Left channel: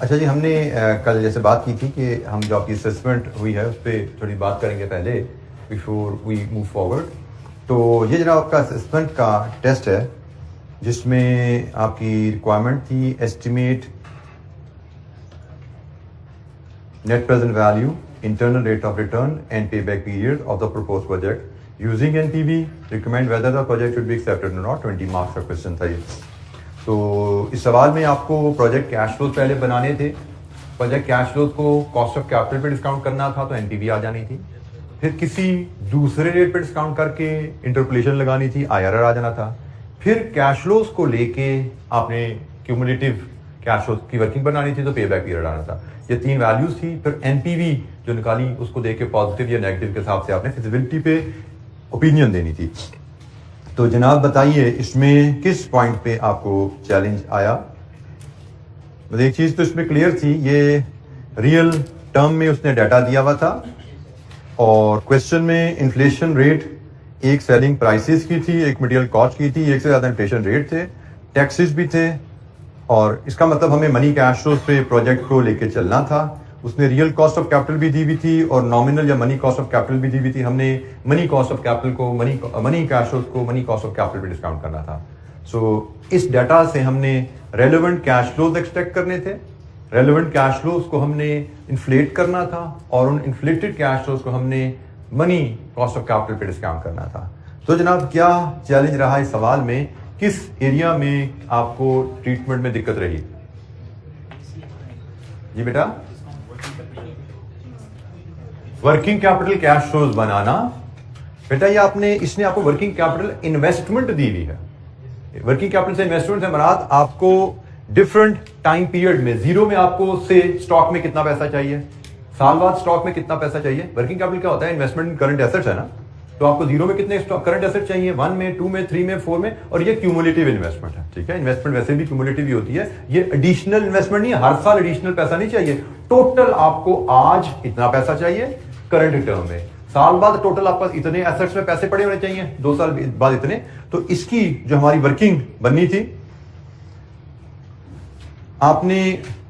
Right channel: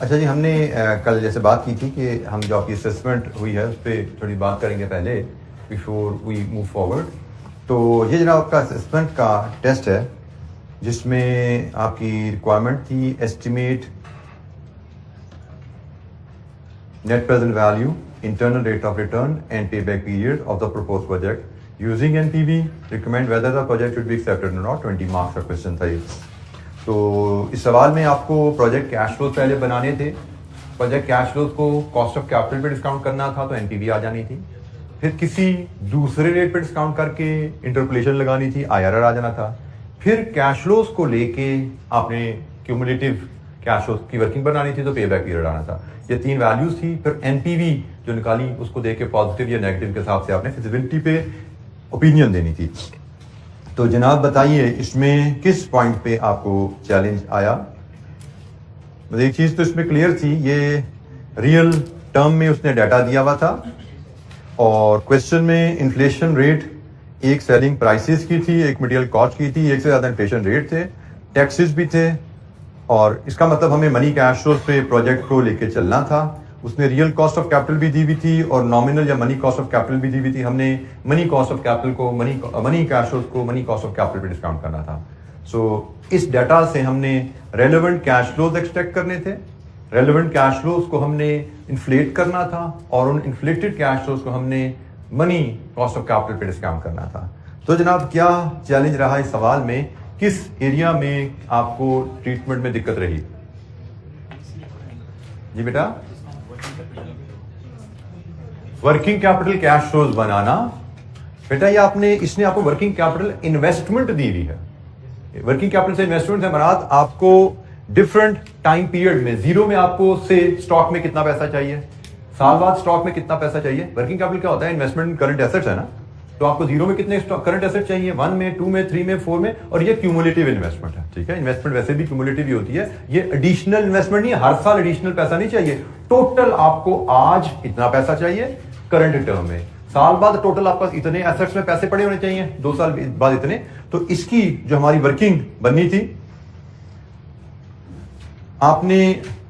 اچھا جی، ہم نے کل جیسے بات کی تھی کہ ہم جو آپ کی اسسمنٹ ہوئی ہے اس پہ تھوڑی بات کریں گے پہلے بیفور وی موو فارورڈ. تو یہ جناب آپ کا اسسمنٹ کا ٹیسٹ ہے جس میں آپ کی ریکوائرمنٹ تھی estimate net present value, internal rate of return and payback period of the proposed project using NPV. Recommend whether the project should be accepted or not. 20 marks کا question تھا یہ. تو اس سوال میں آپ کو پروجیکٹ کیش فلوز پہلے بنانے تھے. پروجیکٹ کیش فلوز کو کاسٹ آف کیپٹل پہ ڈسکاؤنٹ کرنا تھا تو NPV آ جانی تھی. پھر کسی دوسرے ریٹ پہ ڈسکاؤنٹ کر کے انٹرپولیشن لگانی تھی, IRR آ جانا تھا. پھر کیش فلوز کو لے کے آپ نے کیومولیٹو کیش فلوز کی ورکنگ بنانی تھی تو پے بیک پیریڈ آنا تھا. یہ 3 ویلیوز تھی. پھر NPV جو نکالی اس کو دیکھ کے پازیٹیو یا نیگیٹو کے حساب سے آپ نے فیزیبلٹی پہ اوپینین دینی تھی. تو جناب بتائیے اس میں کس پوائنٹ پہ آپ کو چیلنج آیا؟ ایک چیز تو اس میں کلیئر تھی, یہ ریئل ٹرم میں اس نے ڈیٹا دیا ہوا تھا اور کوشچن میں انفلیشن ریٹ ایک سیلنگ پرائسز کی تھی, ایک مٹیریل کاسٹ کی تھی, ایک سے زیادہ انفلیشن ریٹ تھے, ٹیکسز بھی تھے. اور اس کا مطلب ہمیں منی کیش فلوز پہ پروجیکٹ کو لے کے چلنا تھا. اس نے ریئل کاسٹ آف کیپٹل بھی دی ہوئی تھی اور نامنل یا منی کاسٹ آف کیپٹل بھی دی ہوئی تھی. ہم نے منی کاسٹ آف کیپٹل کو منی کیش فلوز کو منی کاسٹ آف کیپٹل پہ ڈسکاؤنٹ کرنا تھا. سو اس ڈیٹا سے ہم نے ریلیونٹ کیش فلوز ایکسٹریکٹ کرنے تھے. ریلیونٹ کیش فلوز کو ہم نے انفلیٹ کرنا تھا اور ان انفلیٹڈ کیش فلوز کو ہم نے منی کاسٹ آف کیپٹل پہ ڈسکاؤنٹ کرنا تھا. تو جناب کیا چیلنج رہا اس سوال میں, کس ایریا میں آپ کو ٹریٹمنٹ میں دقت رہی؟ جی بیٹا, ورکنگ کیپٹل کیش فلوز بنانا. بیٹا یہ اس نے آپ کو ورکنگ کیپٹل انویسٹمنٹ دی ہوئی ہے. ورکنگ کیپٹل سے انویسٹمنٹ سے مراد آپ کو ڈفرنٹ ٹائم پیریڈ میں, زیرو میں آپ کو سے اسٹاک میں کتنا پیسہ چاہیے, سال بعد اسٹاک میں کتنا پیسہ چاہیے. ورکنگ کیپٹل کیا ہوتا ہے؟ انویسٹمنٹ کرنٹ ایسٹس ہے نا. تو آپ کو زیرو میں کتنے کرنٹ ایسٹ چاہیے, 1 میں, 2 میں, 3 میں, 4 میں. اور یہ کیومولیٹو انویسٹمنٹ ہے. ٹھیک ہے, انویسٹمنٹ ویسے بھی کیومولیٹو ہی ہوتی ہے. یہ ایڈیشنل انویسٹمنٹ نہیں ہے, ہر سال ایڈیشنل پیسہ نہیں چاہیے. ٹوٹل آپ کو آج اتنا پیسہ چاہیے کرنٹ ٹرم میں, سال بعد ٹوٹل آپ پاس اتنے ایسٹس میں پیسے پڑے ہونے چاہیے, 2 سال بعد اتنے. تو اس کی جو ہماری ورکنگ بننی تھی, آپ نے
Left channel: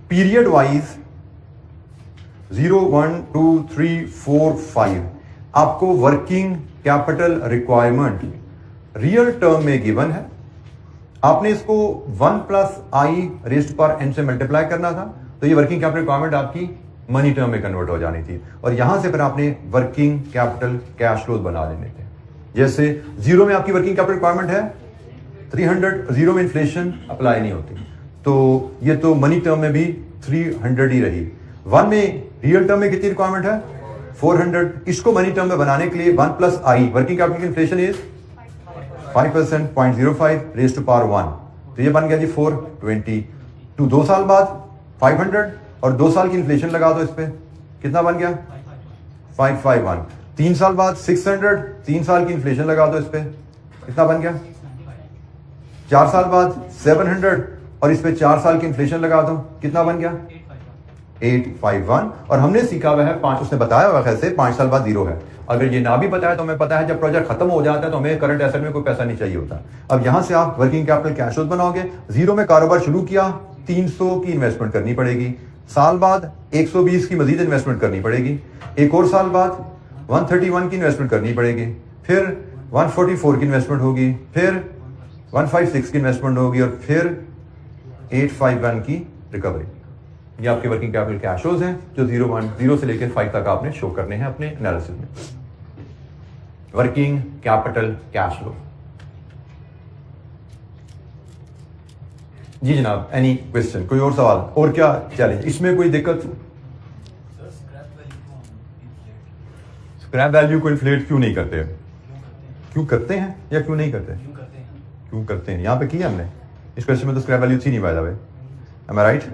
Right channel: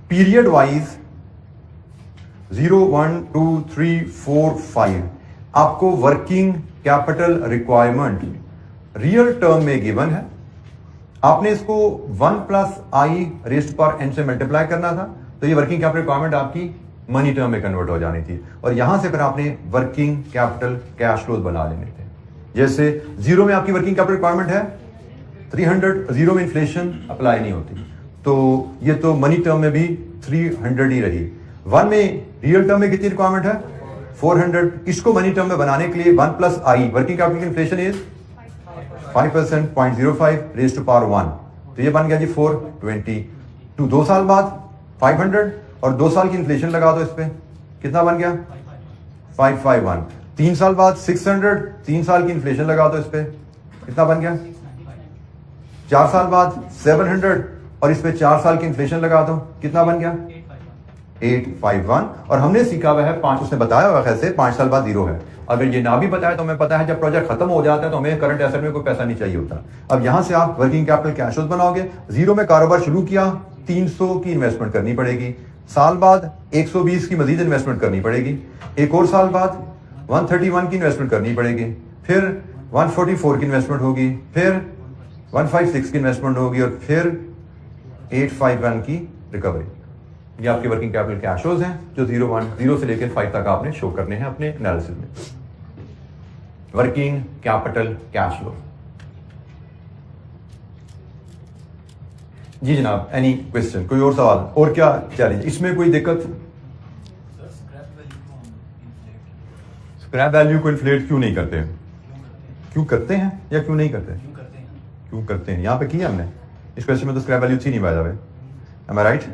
پیریڈ وائز 0 1 2 3 4 5 آپ کو working capital requirement real term میں گیون ہے. آپ نے اس کو 1 + i⁻n سے ملٹیپلائی کرنا تھا. تو یہ ورکنگ کیپٹل ریکوائرمنٹ آپ کی منی ٹرم میں کنورٹ ہو جانی تھی. اور یہاں سے پھر آپ نے ورکنگ کیپٹل کیش فلوز بنا لینے تھے. جیسے 0 میں آپ کی ورکنگ کیپٹل ریکوائرمنٹ ہے 300, 0 میں انفلیشن اپلائی نہیں ہوتی, تو یہ تو منی ٹرم میں بھی 300 ہی رہی. 1 میں ریئل ٹرم میں کتنی ریکوائرمنٹ ہے 400. اس کو منی ٹرم میں بنانے کے لیے 1 + i, ورکنگ کیپٹل کی inflation is 5%, 0.05 raised to power 1. تو یہ بن گیا جی 420. تو 2 سال بعد 500 اور 2 سال کی انفلیشن لگا دو اس پہ, کتنا بن گیا 551. 3 سال بعد 600, 3 سال کی انفلیشن لگا دو اس پہ, کتنا بن گیا. 4 سال بعد 700 اور اس پہ 4 سال کی انفلیشن لگا دو, کتنا بن گیا 851. اور ہم نے سیکھا ہوا ہے 5, اس نے بتایا ہوا خیال سے 5 سال بعد 0 ہے. اگر یہ نہ بھی بتایا تو ہمیں پتا ہے جب پروجیکٹ ختم ہو جاتا ہے تو ہمیں کرنٹ ایسٹ میں کوئی پیسہ نہیں چاہیے ہوتا. اب یہاں سے آپ ورکنگ کیپٹل کیش فلوز بناؤ گے. 0 میں کاروبار شروع کیا, 300 کی انویسٹمنٹ کرنی پڑے گی. سال بعد 120 کی مزید انویسٹمنٹ کرنی پڑے گی. ایک اور سال بعد 131 کی انویسٹمنٹ کرنی پڑے گی. پھر 144 کی انویسٹمنٹ ہوگی, پھر 156 کی انویسٹمنٹ ہوگی اور پھر 851 کی ریکوری. یہ آپ کے ورکنگ کیپٹل کیش فلوز ہیں جو 0 سے لے کے 5 تک آپ نے شو کرنے ہیں اپنے انالیسس میں. Working capital cash flow. جی جناب, اینی کوشچن, کوئی اور سوال, اور کیا چیلنج اس میں, کوئی دقت؟ اسکریپ ویلیو کو انفلیٹ کیوں نہیں کرتے, کیوں کرتے ہیں یا کیوں نہیں کرتے؟ کیوں کرتے ہیں, یہاں پہ کیا ہم نے اس کوشچن میں تو اسکریپ ویلیو تھی نہیں by the way, am I right?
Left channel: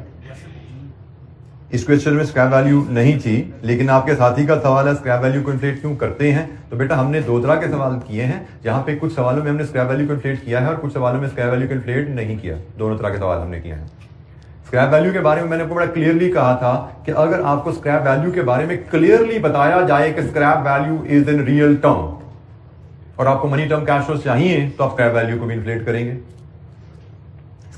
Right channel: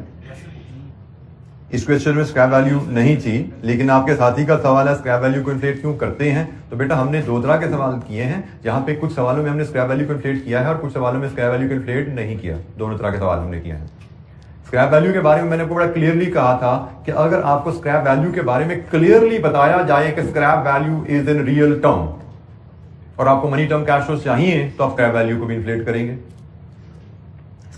اس کوشچن میں اسکریپ ویلیو نہیں تھی, لیکن آپ کے ساتھی کا سوال ہے اسکریپ ویلیو کو انفلیٹ کیوں کرتے ہیں. تو بیٹا ہم نے 2 طرح کے سوال کیے ہیں, جہاں پہ کچھ سوالوں میں ہم نے اسکریپ ویلیو کو انفلیٹ کیا ہے اور کچھ سوالوں میں اسکریپ ویلیو کو انفلیٹ نہیں کیا. دونوں طرح کے سوال ہم نے کیے ہیں. اسکریپ ویلیو کے بارے میں نے آپ کو بڑا کلیئرلی کہا تھا کہ اگر آپ کو اسکریپ ویلیو کے بارے میں کلیئرلی بتایا جائے کہ scrap value is in real term اور آپ کو منی ٹرم کیش فلوز چاہیے تو آپ اسکریپ ویلیو کو بھی انفلیٹ کریں گے.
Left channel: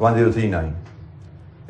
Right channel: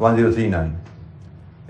1039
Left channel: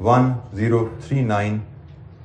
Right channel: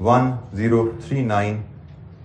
1039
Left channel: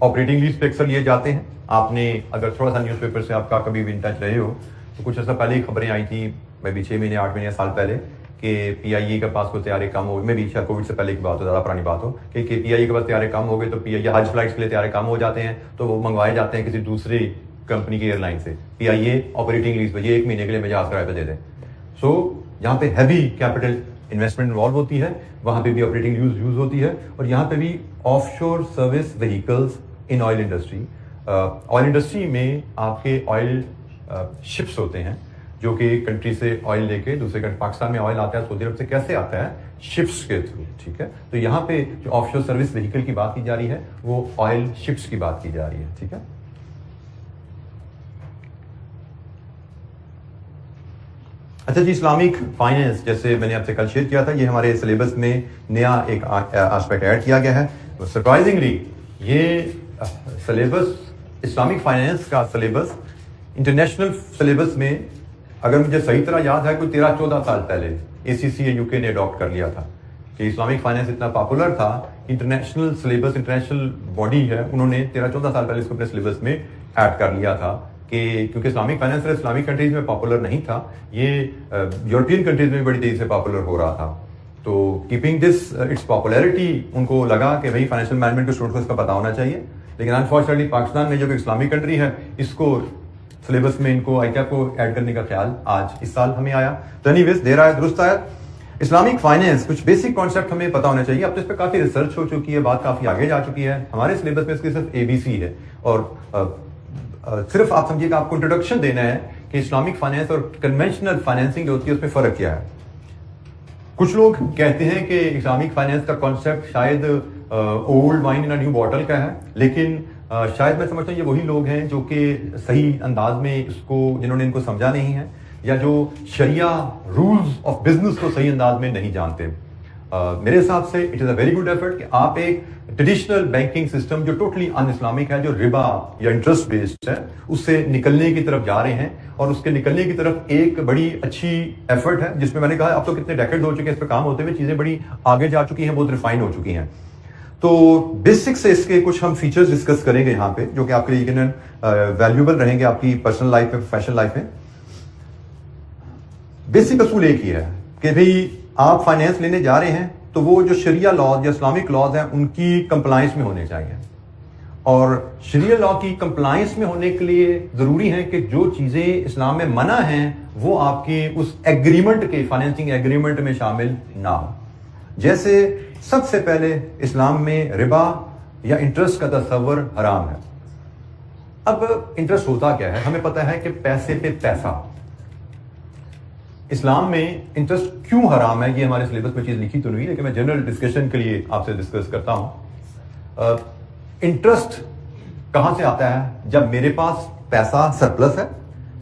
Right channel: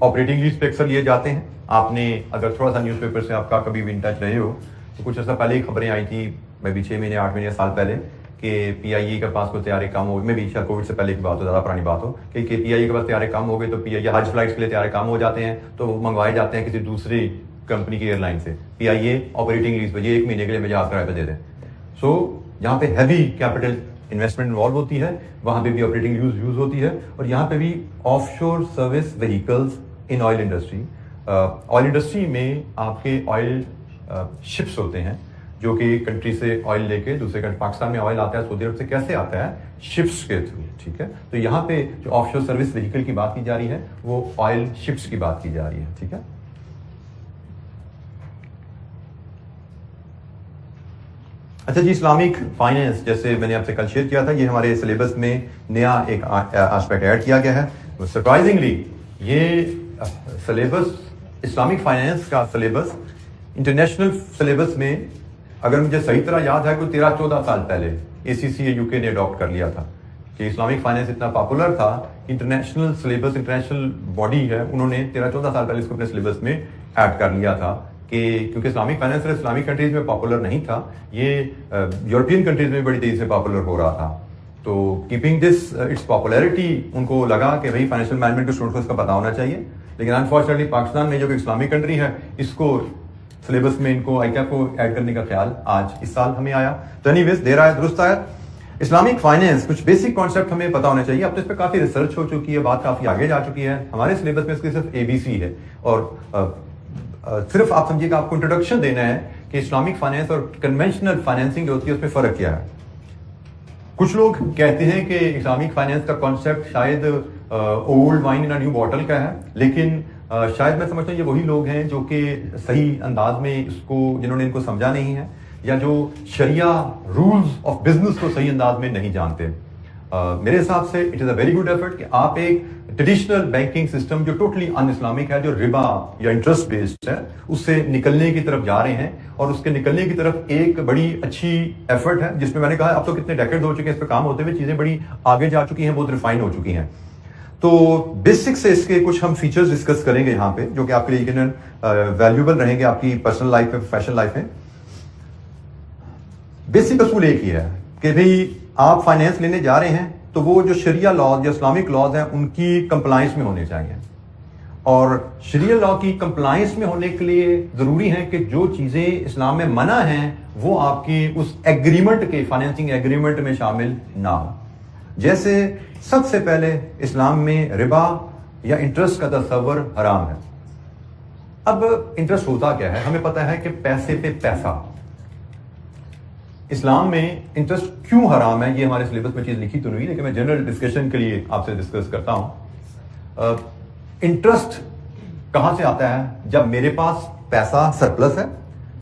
آپریٹنگ لیز پہ اکثر لیے جاتے ہیں. آپ نے اگر تھوڑا سا نیوز پیپر سے آپ کا کبھی بھی ان ٹچ رہے ہو تو کچھ عرصہ پہلے ہی خبریں آئی تھیں, میں بھی 6 مہینے 8 مہینے سال پہلے, کہ پی آئی اے کے پاس کوئی طیارے کم ہو, میں بھی شاید کووڈ سے پہلے کی بات ہو, زیادہ پرانی بات ہو, کہ پی آئی اے کے پاس طیارے کم ہو گئے تو پی آئی اے حج فلائٹس کے لیے طیارے کم ہو جاتے ہیں تو وہ منگوائے جاتے ہیں کسی دوسری کمپنی کی ایئر لائن سے. پی آئی اے آپریٹنگ لیز پہ, یہ 1 مہینے کے لیے جہاز کرائے پہ دے دیں. سو جہاں پہ ہیوی کیپٹل انویسٹمنٹ انوالو ہوتی ہے وہاں پہ بھی آپریٹنگ لیز یوز ہوتی ہے. اور یہاں پہ بھی آف شور service vehicles in oil industry. Oil industry میں آپ کے آئل شپس ہوتے ہیں جو کہ ایک کنٹری سے آئل لے کے دوسرے کنٹری, پاکستان میں آئل آتا ہے سعودی عرب سے کیسے آتا ہے, شپس کے تھرو. ٹھیک ہے, تو یہاں پہ جو آف شور سروس وہیکل کی بات کی جا رہی ہے وہ آئل شپس کی بات کی جا رہی ہے. ٹھیک ہے, اچھا جی, اسلامک فائنینس جیسے میں نے آپ سے کل شیئر کیا تھا, یہ ہمارے سلیبس میں نیا ایک آسپیکٹ ایڈ کیا گیا ہے. سرپرائزنگلی یہ سلیبس, اسلامک فائنینس کا سلیبس انٹرنیشنل سلیبس میں اگر مجھے صحیح طرح یاد ہے کوئی 13-14 سال پہلے اے سی سی یو کے نے اڈاپٹ کر لیا تھا. کہ اسلامک فائنینس اتنا پاپولر تھا, انٹرنیشنل سلیبس, انٹرنیشنل باڈی ہے, انہوں نے 13-14 سال پہلے اس کو اپنے سلیبس میں ایڈ کر لیا تھا. کہ کیونکہ اسلامک فائنینس اسلامک کنٹریز میں پاپولر نہیں تھا, یہ یورپین کنٹریز میں بڑی تیزی سے پاپولر ہو رہا تھا. تو کیپنگ دس اٹس پاپولیرٹی, ان کو لگا کہ بھائی فائنینشیل مینجمنٹ کے اسٹوڈنٹ کو اس کا پتا ہونا چاہیے. لیکن انفارچونیٹلی پاکستان میں جو کہ اسلامک کنٹری ہے اس کو سلیبس میں ان کو آئی کیا کو ایڈ کرنے کا خیال آج اس سال ہمیں آیا. تو اینی ویز دیر آیا درست آیا. اسلامک فائنینس کچھ بیسک کانسیپٹ ہمیں پتا ہونا چاہیے. اب تو اس پہ کافی ریسرچ ہو چکی ہے, بات کافی آگے جا چکی ہے. ہمارے سلیبس میں اس کی صرف ABC ہے, اور صرف آپ سمجھیے کہ آپ کو انٹروڈکشن دینا ہے کہ اسلامک فائنینس اور کنونشنل فائنینسنگ جو ہوتی ہے اس میں فرق کیا ہے. کچھ لوگ کہتے ہیں کہ اسلامک فائنینس کا کانسیپٹ شاید اولڈ وائن ان نیو باٹل کا ہے, لیکن شاید میں سمجھتا ہوں یہ وہی لوگ ہیں جو کہ صحیح انداز میں اس کو, جنہوں نے ان کو سمجھا نہیں ہے, یا جو شریعہ رولز آف بزنس کو صحیح انداز میں نہیں جانتے. میرے حساب سے it is a very good effort کہ آپ ایک ٹریڈیشنل بینکنگ سسٹم جو ٹوٹلی ان اسلامک ہے, جو ربا یا انٹرسٹ بیسڈ ہے, اس سے نکلنے کی طرف جا رہے ہیں. اور اس کے نکلنے کی طرف ایک بڑی اچھی ایفرٹ ہے جس میں نے کہا اب تو کتنے ڈیکیڈ ہو چکے ہیں اس پہ کام ہوتے ہوئے, چیزیں بڑی آگے جا چکی ہیں, بہت ریفائن ہو چکی ہیں. تو بیسک سے اس کے کچھ ہم فیچرز ڈسکس کریں گے یہاں پہ, جو کہ آپ کے لیے یقیناً ویلیوبل رہیں گے آپ کی پرسنل لائف میں, پروفیشنل لائف میں. بیسک اصول ایک ہی ہے کہ بھئی آپ فائنینس لینے جا رہے ہیں تو وہ جو شریعہ لاز یا اسلامک لاز ہیں ان کی کمپلائنس میں ہونے چاہیے. اور شریعہ لا کی کمپلائنس میں ہونے کے لیے ضروری ہے کہ جو چیزیں اسلام میں منع ہیں وہ آپ کی اس ایگریمنٹ کے, فائنینسنگ ایگریمنٹ میں شامل نہ ہو. جیسے سب سے پہلے اسلام میں ربا یا انٹرسٹ کا تصور حرام ہے. اب انٹرسٹ ہوتا کیا ہے, ہمیں پتا ہے کہ پیسے پہ پیسہ. اسلام میں انٹرسٹ کیوں حرام ہے یہ ہمارے سلیبس میں چیز لکھی تو نہیں, لیکن میں جنرل ڈسکشن کے لیے آپ سے ڈسکس کرتا ہوں. انٹرسٹ کہاں سے آتا ہے؟ جب میرے پاس پیسہ سرپلس ہے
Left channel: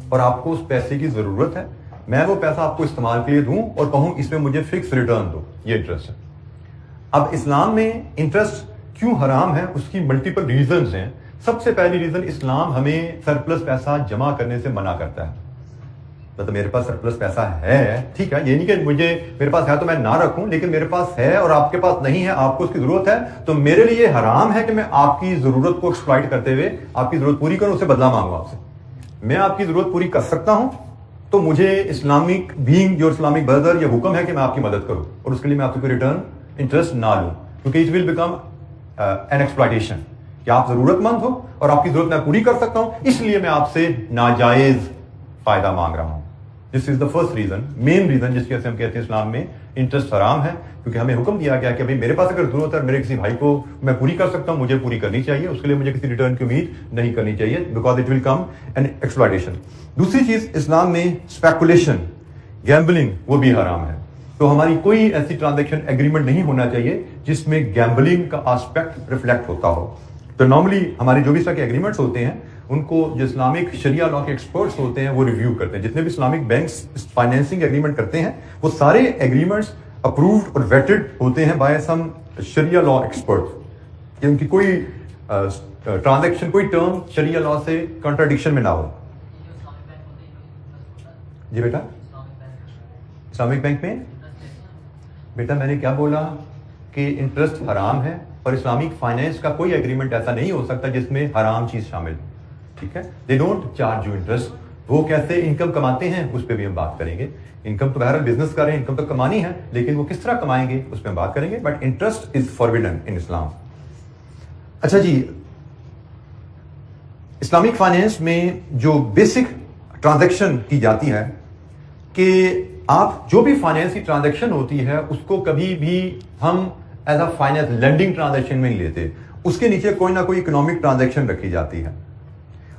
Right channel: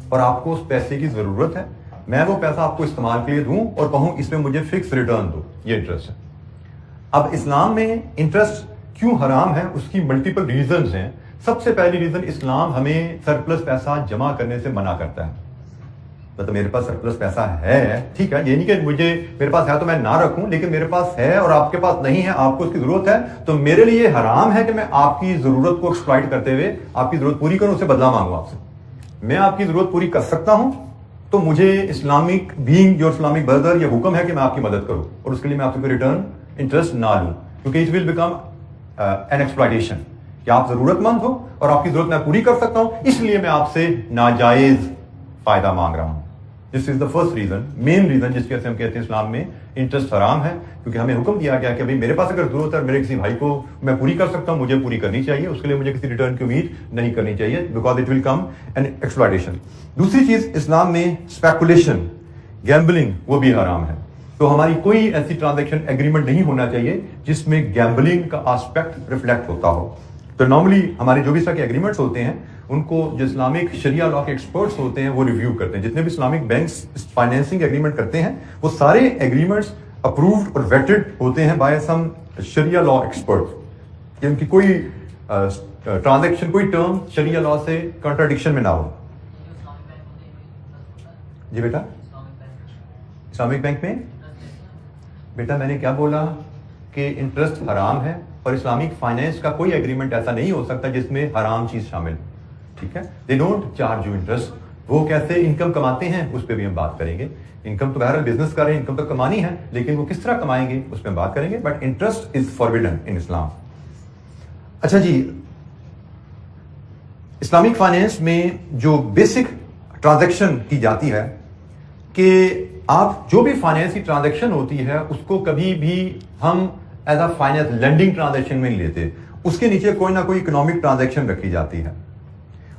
اور آپ کو اس پیسے کی ضرورت ہے, میں وہ پیسہ آپ کو استعمال کے لیے دوں اور کہوں اس میں مجھے فکس ریٹرن دو, یہ انٹرسٹ ہے. اب اسلام میں انٹرسٹ کیوں حرام ہے اس کی ملٹیپل ریزنز ہیں. سب سے پہلی ریزن, اسلام ہمیں سرپلس پیسہ جمع کرنے سے منع کرتا ہے. مطلب میرے پاس سرپلس پیسہ ہے, ٹھیک ہے, یہ نہیں کہ میرے پاس ہے تو میں نہ رکھوں, لیکن میرے پاس ہے اور آپ کے پاس نہیں ہے, آپ کو اس کی ضرورت ہے, تو میرے لیے حرام ہے کہ میں آپ کی ضرورت کو ایکسپلائٹ کرتے ہوئے آپ کی ضرورت پوری کروں, اسے بدلہ مانگوں آپ سے. میں آپ کی ضرورت پوری کر سکتا ہوں تو مجھے Islamic being your Islamic brother یہ حکم ہے کہ میں آپ کی مدد کروں, اور اس کے لیے میں آپ سے کوئی ریٹرن انٹرسٹ نہ لوں, کیونکہ it will become an exploitation کہ آپ ضرورت مند ہو اور آپ کی ضرورت میں پوری کر سکتا ہوں, اس لیے میں آپ سے ناجائز فائدہ مانگ رہا ہوں. This is the first reason, main reason جس کی وجہ سے ہم کہتے ہیں اسلام میں انٹرسٹ حرام ہے, کیونکہ ہمیں حکم دیا گیا کہ بھائی میرے پاس اگر ضرورت ہے میرے کسی بھائی کو میں پوری کر سکتا ہوں, مجھے پوری کرنی چاہیے, اس کے لیے مجھے کسی ریٹرن کی امید نہیں کرنی چاہیے, because it will come an exploitation. دوسری چیز, اسلام میں اسپیکولیشن, گیمبلنگ وہ بھی حرام ہے. تو ہماری کوئی ایسی ٹرانزیکشن ایگریمنٹ نہیں ہونا چاہیے جس میں گیمبلنگ کا آسپیکٹ ریفلیکٹ ہوتا ہو. تو نارملی ہمارے جو بھی اس طرح کے ایگریمنٹس ہوتے ہیں ان کو جو اسلامک شریعہ لا کے ایکسپرٹس ہوتے ہیں وہ ریویو کرتے ہیں. جتنے بھی اسلامک بینکس فائنینسنگ ایگریمنٹ کرتے ہیں وہ سارے ایگریمنٹس اپرووڈ اور ویٹڈ ہوتے ہیں by some Shariah law expert, کہ ان کی کوئی ٹرانزیکشن, کوئی ٹرم شریعہ لا سے کنٹراڈکشن میں نہ ہو. جی بیٹا, اسلامک بینک میں بیٹا میں نے کیا بولا کہ انٹرسٹ حرام ہے اور اسلامک فائنینس کا کوئی ایگریمنٹ ایسا نہیں ہو سکتا جس میں حرام چیز شامل، ٹھیک ہے. They don't charge you interest. وہ کیسے انکم کماتے ہیں اس پہ بھی ہم بات کریں گے. انکم تو بہرحال بزنس کر رہے ہیں، انکم تو کمانی ہے، لیکن وہ کس طرح کمائیں گے اس پہ ہم بات کریں گے. بٹ انٹرسٹ از فاربیڈن ان اسلام. اچھا جی، اسلامک فائنینس میں جو بیسک ٹرانزیکشن کی جاتی ہے کہ آپ جو بھی فائنینس کی ٹرانزیکشن ہوتی ہے اس کو کبھی بھی ہم as a finance lending transaction میں نہیں لیتے. اس کے نیچے کوئی نہ کوئی اکنامک ٹرانزیکشن رکھی جاتی ہے.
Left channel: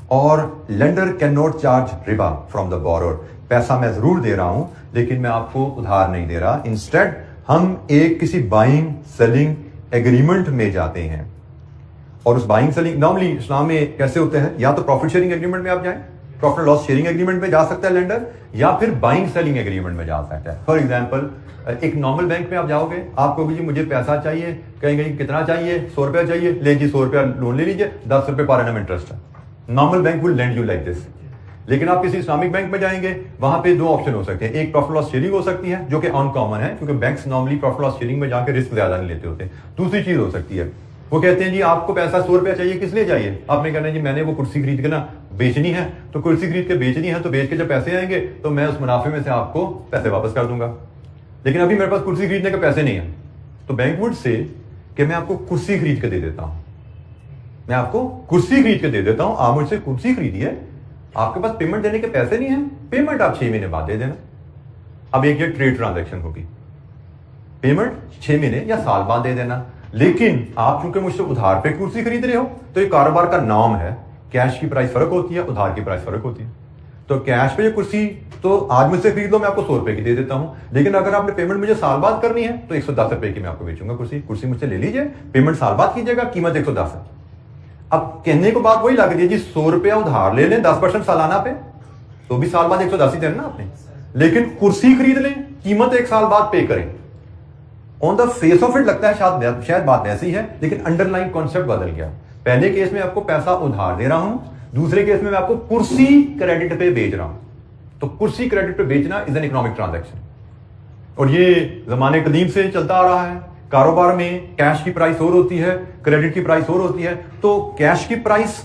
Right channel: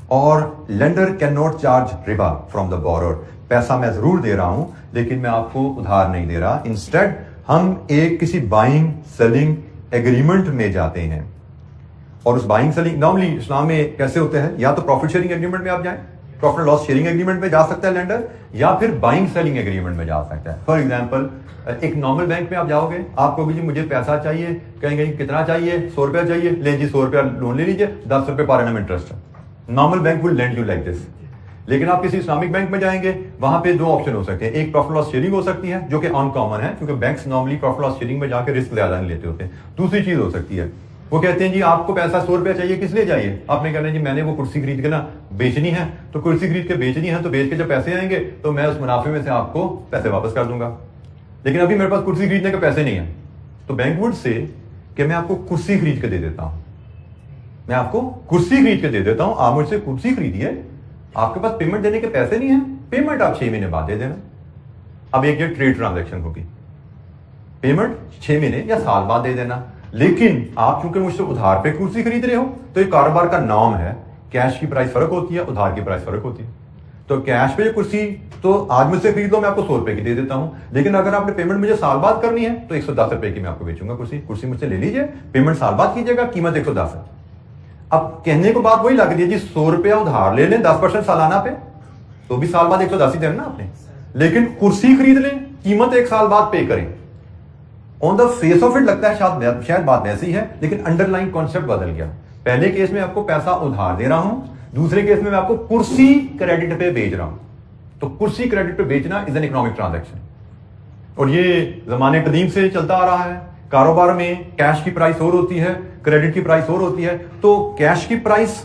اور لینڈر کین ناٹ چارج ربا فرام دا بورر. پیسہ میں ضرور دے رہا ہوں لیکن میں آپ کو ادھار نہیں دے رہا. انسٹیڈ ہم ایک کسی بائنگ سیلنگ ایگریمنٹ میں جاتے ہیں. اور اس بائنگ سیلنگ نارملی اسلام میں کیسے ہوتے ہیں، یا تو پروفٹ شیئرنگ ایگریمنٹ میں آپ جائیں، پروفٹ لاس شیئرنگ ایگریمنٹ میں جا سکتا ہے لینڈر، یا پھر بائنگ سیلنگ ایگریمنٹ میں جا سکتا ہے. فار ایگزامپل ایک نارمل بینک میں آپ جاؤ گے، آپ کو بھی جی مجھے پیسہ چاہیے، کہیں کہیں کتنا چاہیے، 100 روپیہ چاہیے، لے جی 100 روپیہ لون لے لیجیے، 10 روپے پر اینم انٹرسٹ ہے. Normal bank will lend you like this. لیکن آپ کسی اسلامک بینک میں جائیں گے، وہاں پہ 2 آپشن ہو سکتے ہیں. ایک پروفٹ لاس شیئرنگ ہو سکتی ہے جو کہ ان کامن ہے کیونکہ banks normally profit loss sharing میں جا کے رسک زیادہ نہیں لیتے ہوتے. دوسری چیز ہو سکتی ہے وہ کہتے ہیں جی آپ کو پیسہ 100 روپیہ چاہیے، کس لیے چاہیے؟ آپ نے کہنا ہے جی میں نے وہ کرسی خرید کے نا بیچنی ہے، تو کرسی خرید کے بیچنی ہے تو بیچ کے جب پیسے آئیں گے تو میں اس منافع میں سے آپ کو پیسے واپس کر دوں گا. لیکن ابھی میرے پاس کرسی خریدنے کے پیسے نہیں ہیں، تو بینک وڈ سے کہ میں آپ کو کرسی خرید کے دے دیتا ہوں، میں آپ کو کرسی خرید کے دے دیتا ہوں، آپ مجھ سے کرسی خریدیے، آپ کے پاس پیمنٹ دینے کے پیسے نہیں ہیں، پیمنٹ آپ 6 مہینے بعد دے دینا. اب ایک یہ ٹریڈ ٹرانزیکشن ہوگی، پیمنٹ 6 مہینے یا سال بعد دے دینا. لیکن آپ چونکہ مجھ سے ادھار پہ کرسی خرید رہے ہو تو یہ کاروبار کا نام ہے، کیش کی پرائس فرق ہوتی ہے، ادھار کی پرائس فرق ہوتی ہے. تو کیش پہ یہ کرسی تو آج مجھ سے خرید لو، میں آپ کو 100 روپے کی دے دیتا ہوں. لیکن اگر آپ نے پیمنٹ مجھے سال بعد کرنی ہے تو 110 روپے کی میں آپ کو بیچوں گا کرسی. کرسی مجھ سے لے لیجیے، پیمنٹ سال بعد کیجیے گا، قیمت 110 ہے. اب کہنے کو بات وہی لگ رہی ہے جی 100 روپیہ ادھار لے لیں 10% سالانہ پہ تو بھی سال بعد 110 ہی دینا نا آپ نے. لیکن کرسی خرید لیں، قیمت 1 سال بعد پے کریں. آن دا فیس آف اٹ لگتا ہے شاید بات ایسی ہے، لیکن انڈر لائن کانسیپٹ بدل گیا. پہلے کیس میں آپ کو پیسہ ادھار دے رہا ہوں، دوسرے کیس میں آپ کو کرسی کریڈٹ پہ بیچ رہا ہوں. تو کرسی کریڈٹ پہ بیچنا از این اکنامک ٹرانزیکشن، اور یہ زمانے قدیم سے چلتا آ رہا ہے. کاروبار میں کیش کی پرائس اور ہوتی ہے، کریڈٹ کی پرائس اور ہوتی ہے. تو کیش کی پرائس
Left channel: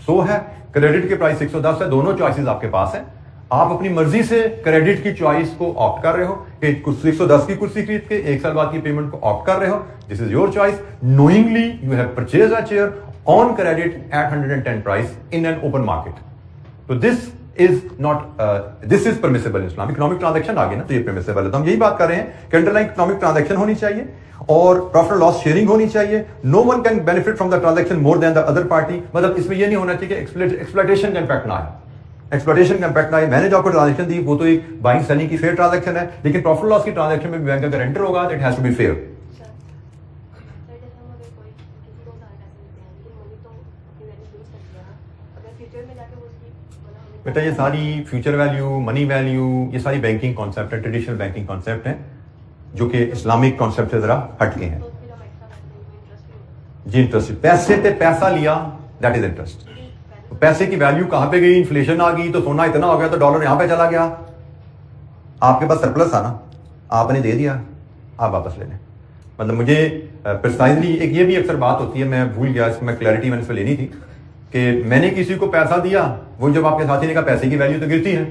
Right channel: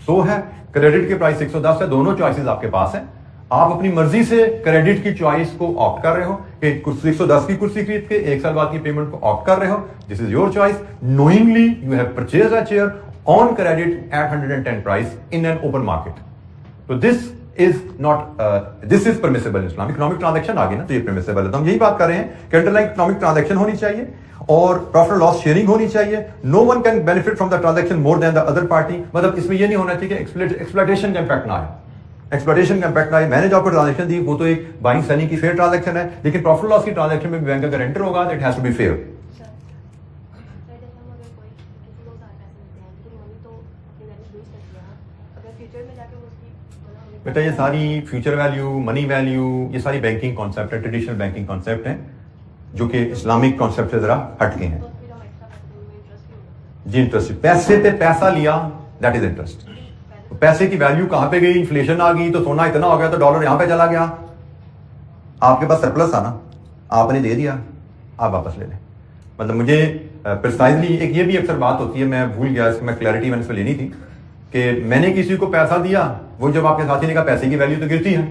100 ہے، کریڈٹ کی پرائس 110 ہے، دونوں چوائسز آپ کے پاس ہیں. آپ اپنی مرضی سے کریڈٹ کی چوائس کو آپٹ کر رہے ہو کہ 110 کی کرسی خرید کے 1 سال بعد کی پیمنٹ کو آپٹ کر رہے ہو. This is your choice. Knowingly you have purchase a chair on credit at 110 price in an open market. تو this is permissible in Islam. Economic transaction آ گئی نا تو یہ پرمیسیبل ہے. تو ہم یہی بات کر رہے ہیں کہ انڈر لائن اکنامک ٹرانزیکشن ہونی چاہیے اور پروفٹ لاس شیئرنگ ہونی چاہیے. No one can benefit from the transaction more than the other party. مطلب اس میں یہ نہیں ہونا چاہیے کہ ایکسپلائٹیشن کا امپیکٹ نہ آئے. ایکسپلائٹیشن کا امپیکٹ نہ آئے. میں نے جو آپ کو ٹرانزیکشن دی وہ تو ایک بائنگ سیلنگ کی فیئر ٹرانزیکشن ہے، لیکن پروفٹ لاس کی ٹرانزیکشن میں بھی بینک کا گارنٹر ہوگا. It has to be fair. بیٹا یہ ساری فیوچر ویلیو، منی ویلیو، یہ ساری بینکنگ کانسیپٹ ہے، ٹریڈیشنل بینکنگ کانسیپٹ ہیں جو کہ اسلامک کانسیپٹ سے ذرا ہٹ کے ہیں. جی انٹرسٹ، پیسے پہ پیسہ لیا دیٹ از انٹرسٹ. پیسے کی ویلیو کہاں پہ گئی؟ انفلیشن آ گئی تو سونا اتنا ہو گیا تو ڈالر یہاں پہ چلا گیا. آپ کے پاس سرپلس تھا نا، آپ نے دے دیا، آپ واپس لے لیں. مطلب مجھے پرسائزلی ایک یہ بھی اکثر بات ہوتی ہے، میں بھول گیا اس کی، میں کلیئرٹی میں نے اس پہ لینی تھی کہ میں نے کسی کو پیسہ دیا، وہ جب آپ کے ساتھی نے کہا پیسے کی ویلیو تو گرتی ہے،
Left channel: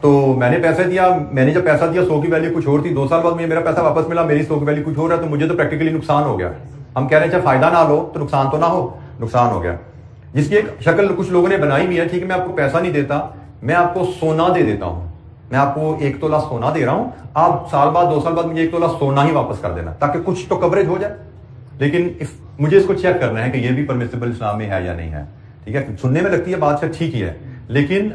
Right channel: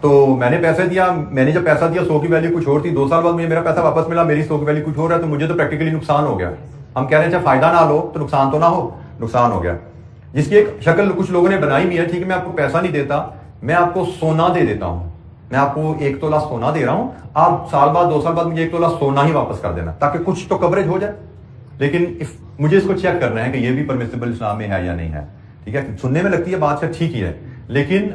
تو میں نے پیسے دیا، میں نے جب پیسہ دیا 100 کی ویلیو کچھ اور تھی، 2 سال بعد مجھے میرا پیسہ واپس ملا، میری 100 کی ویلیو کچھ اور ہے، تو مجھے تو پریکٹیکلی نقصان ہو گیا. ہم کہہ رہے ہیں چاہے فائدہ نہ لو تو نقصان تو نہ ہو، نقصان ہو گیا. جس کی ایک شکل کچھ لوگوں نے بنائی بھی ہے، ٹھیک ہے میں آپ کو پیسہ نہیں دیتا، میں آپ کو سونا دے دیتا ہوں، میں آپ کو 1 تولہ سونا دے رہا ہوں، آپ سال بعد 2 سال بعد مجھے 1 تولہ سونا ہی واپس کر دینا تاکہ کچھ تو کوریج ہو جائے. لیکن مجھے اس کو چیک کرنا ہے کہ یہ بھی پرمیسیبل اسلام میں ہے یا نہیں ہے. ٹھیک ہے، سننے میں لگتی ہے بات شاید ٹھیک ہی ہے، لیکن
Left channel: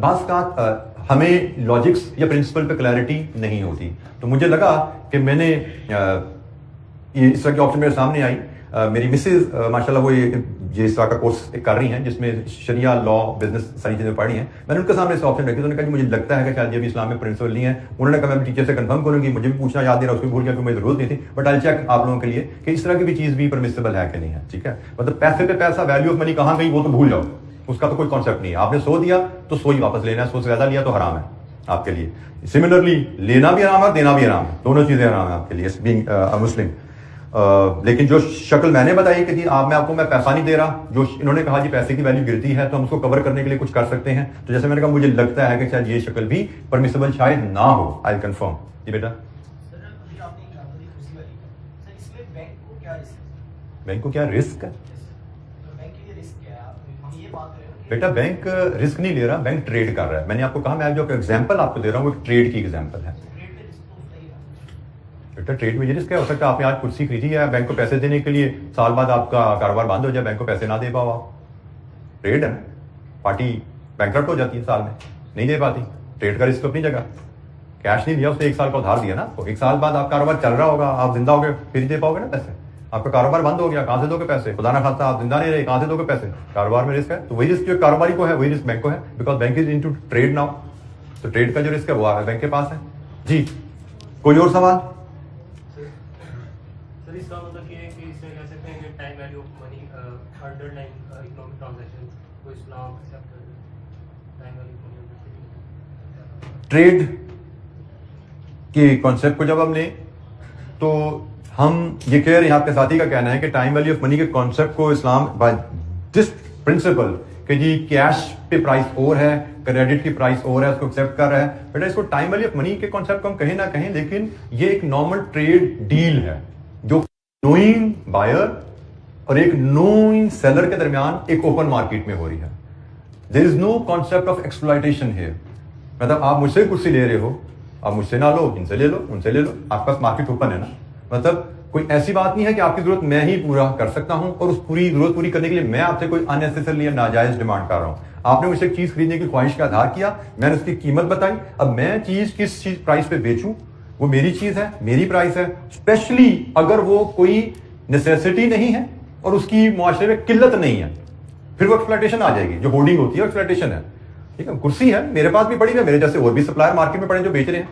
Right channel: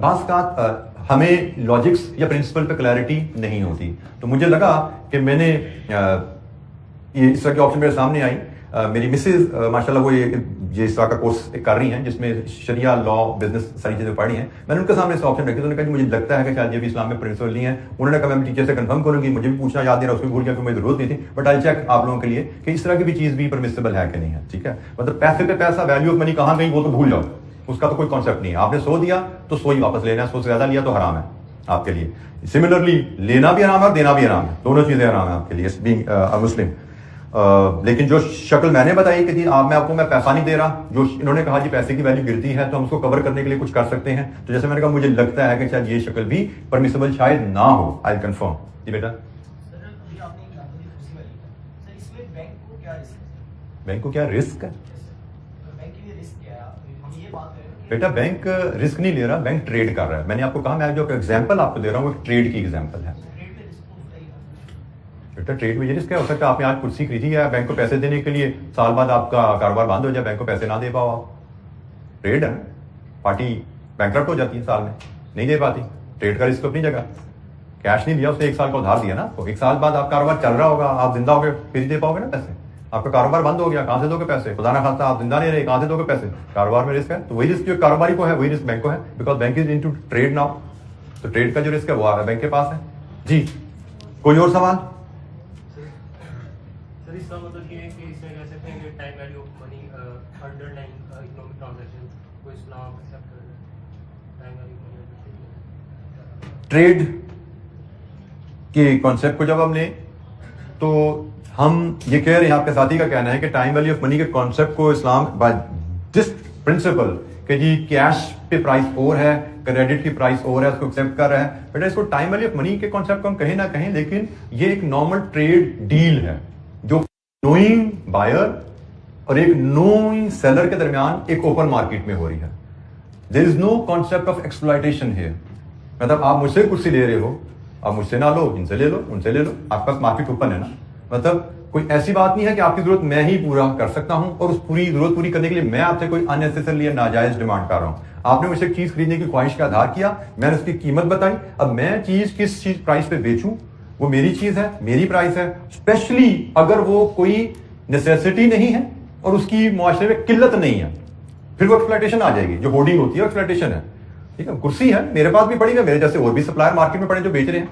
بعض اوقات ہمیں لاجکس یا پرنسپل پہ کلیئرٹی نہیں ہوتی. تو مجھے لگا کہ میں نے یہ اس طرح کی آپشن میرے سامنے آئی. میری مسز ماشاء اللہ وہ یہ اس طرح کا کورس کر رہی ہیں جس میں شریعہ لا بزنس ساری چیزیں پڑھی ہیں. میں نے ان کے سامنے اس آپشن رکھی، تو انہوں نے کہا مجھے لگتا ہے کہ شاید یہ بھی اسلام میں پرنسپل نہیں ہے. انہوں نے کہا میں ٹیچر سے کنفرم کروں گی، مجھے بھی پوچھنا یاد نہیں رہا، اس کو بھول گیا کہ مجھے ضرورت نہیں تھی، بٹ آئی چیک آپ لوگوں کے لیے کہ اس طرح کی بھی چیز بھی پرمیسیبل ہے کہ نہیں ہے. ٹھیک ہے، مطلب پیسے پہ پیسہ، ویلیو آف منی کہاں گئی وہ تو بھول جاؤ، اس کا تو کوئی کانسیپٹ نہیں ہے. آپ نے 100 دیا تو 100 ہی واپس لینا ہے، 100 سے زیادہ لیا تو حرام ہے آپ کے لیے. سملرلی لینا بھی حرام ہے، دینا بھی حرام ہے، دونوں چیزیں حرام ہیں آپ کے لیے بینگ مسلم. لیکن جو شکل میں نے بتائی کہ جی میں آپ کو میں پیسہ نہیں دے رہا، جو انہوں نے کہا جی پیسے کی ویلیو گرتی ہے تو ہم اس کو کور کرنے کے لیے کچھ کر سکتے ہیں، تو جیسے میں نے کہا مجھے لگتا ہے کہ شاید یہ شکل بھی پرمیسیبل شاید نہ ہو. آئی کنفرم. جی بیٹا. بینک کو کیا رسک ہے؟ بیٹا بینک رسک نہیں لے رہا، بینک ٹریڈ کر رہا ہے. میں نے آپ کو کہا میں جو ایگزامپل آپ کو دے رہا ہوں وہ ٹریڈ کی ایگزامپل ہے. بیٹا ٹریڈ میں یہ رسک ہے، ہو سکتا ہے آپ نے آج کرسی خریدی ہے، بینک کو پیسے دینے کے لیے سال بعد آپ کا کاروبار بند ہو جائے، بینک کو پیسے نہ دے پاؤ آپ. ٹریڈ ہے نا، پارٹی بینکرپٹ ہو جاتی ہے سال میں، نہیں دے پاتی. ٹریڈ کا رسک اپنی جگہ. کیش نہیں دیا، اس نے 1 سال کا ادھار دیا نا، تو 1 سال بعد آپ کاروبار چل رہا ہوگا، آپ زندہ ہو گئے پھر ہی دے پاؤ گے نا پیسے. آپ کا کاروبار بند ہو گیا، کہاں سے دو گے پیسے؟ خدا نہ خواستہ آپ زندہ نہیں رہے، کہاں سے دو گے پیسے؟ کاروبار میں رسک ہے. تو وہی رسک جو کاروباری کو ہے وہی رسک بینک کو ہے، because bank is into trade now. تو ٹریڈ کا جو رسک ہے وہ بینک کے پاس ہے. جی کوئی اور سوال؟ ٹریڈ کے کانسیپٹ کو جب ہم لیں تو ہم یہ کہہ رہے ہیں، آپ کے ساتھی کا کہنا ہے کہ ٹائم ویلیو آف منی کے کانسیپٹ کو اسلام بائی دس پرنسپل کہ جی کیش پہ پرائس اور ہے، کریڈٹ کی پرائس اور ہے، اس کو ایکسیپٹ کر رہا ہے. بیٹا اس کو ٹائم ویلیو آف منی کے کانسیپٹ کو ہم کہیں نہ کہیں، لیکن یہ ایک نارمل ٹریڈ ڈیل ہے جو نوئنگ بائر اور ایک نوئنگ سیلر کے درمیان ایک اوپن مارکیٹ میں ہو رہی ہے. دیر از نو کانسیپٹ آف ایکسپلائٹیشن ہیئر. مطلب آپ مجھ سے کرسی لے رہے ہو، آپ مجھ سے نہ لو، ان سے لے لو، ان سے لے لو، آپ کے پاس مارکیٹ اوپن ہے نا. مطلب کوئی ایسی بات نہیں ہے کہ آپ کی ضرورت میں ہی پورا کر سکتا ہوں اور اس پوری ضرورت پوری کرنے کے لیے میں آپ سے کوئی اننیسیسری ناجائز ڈیمانڈ کر رہا ہوں. آپ نے مجھ سے ایک چیز خریدنے کی خواہش کا اظہار کیا، میں نے اس کی قیمت بتائی، اب میں چیز کس چیز پرائس پہ بیچوں وہ میری چیز ہے، میری پرائس ہے. اسپیشلی اگر وہ کوئی نیسیسٹی نہیں ہے اور اس کی معاشرے میں قلت نہیں ہے، پھر وہ ایکسپلائٹیشن آ جائے گی. جو ہولڈنگ ہوتی ہے ایکسپلائٹیشن ہے. ٹھیک ہے، کرسی ہے میرے پاس بھی پڑی ہے، میرے جیسے اور بھی سپلائر مارکیٹ میں پڑے جو بیچ رہے ہیں.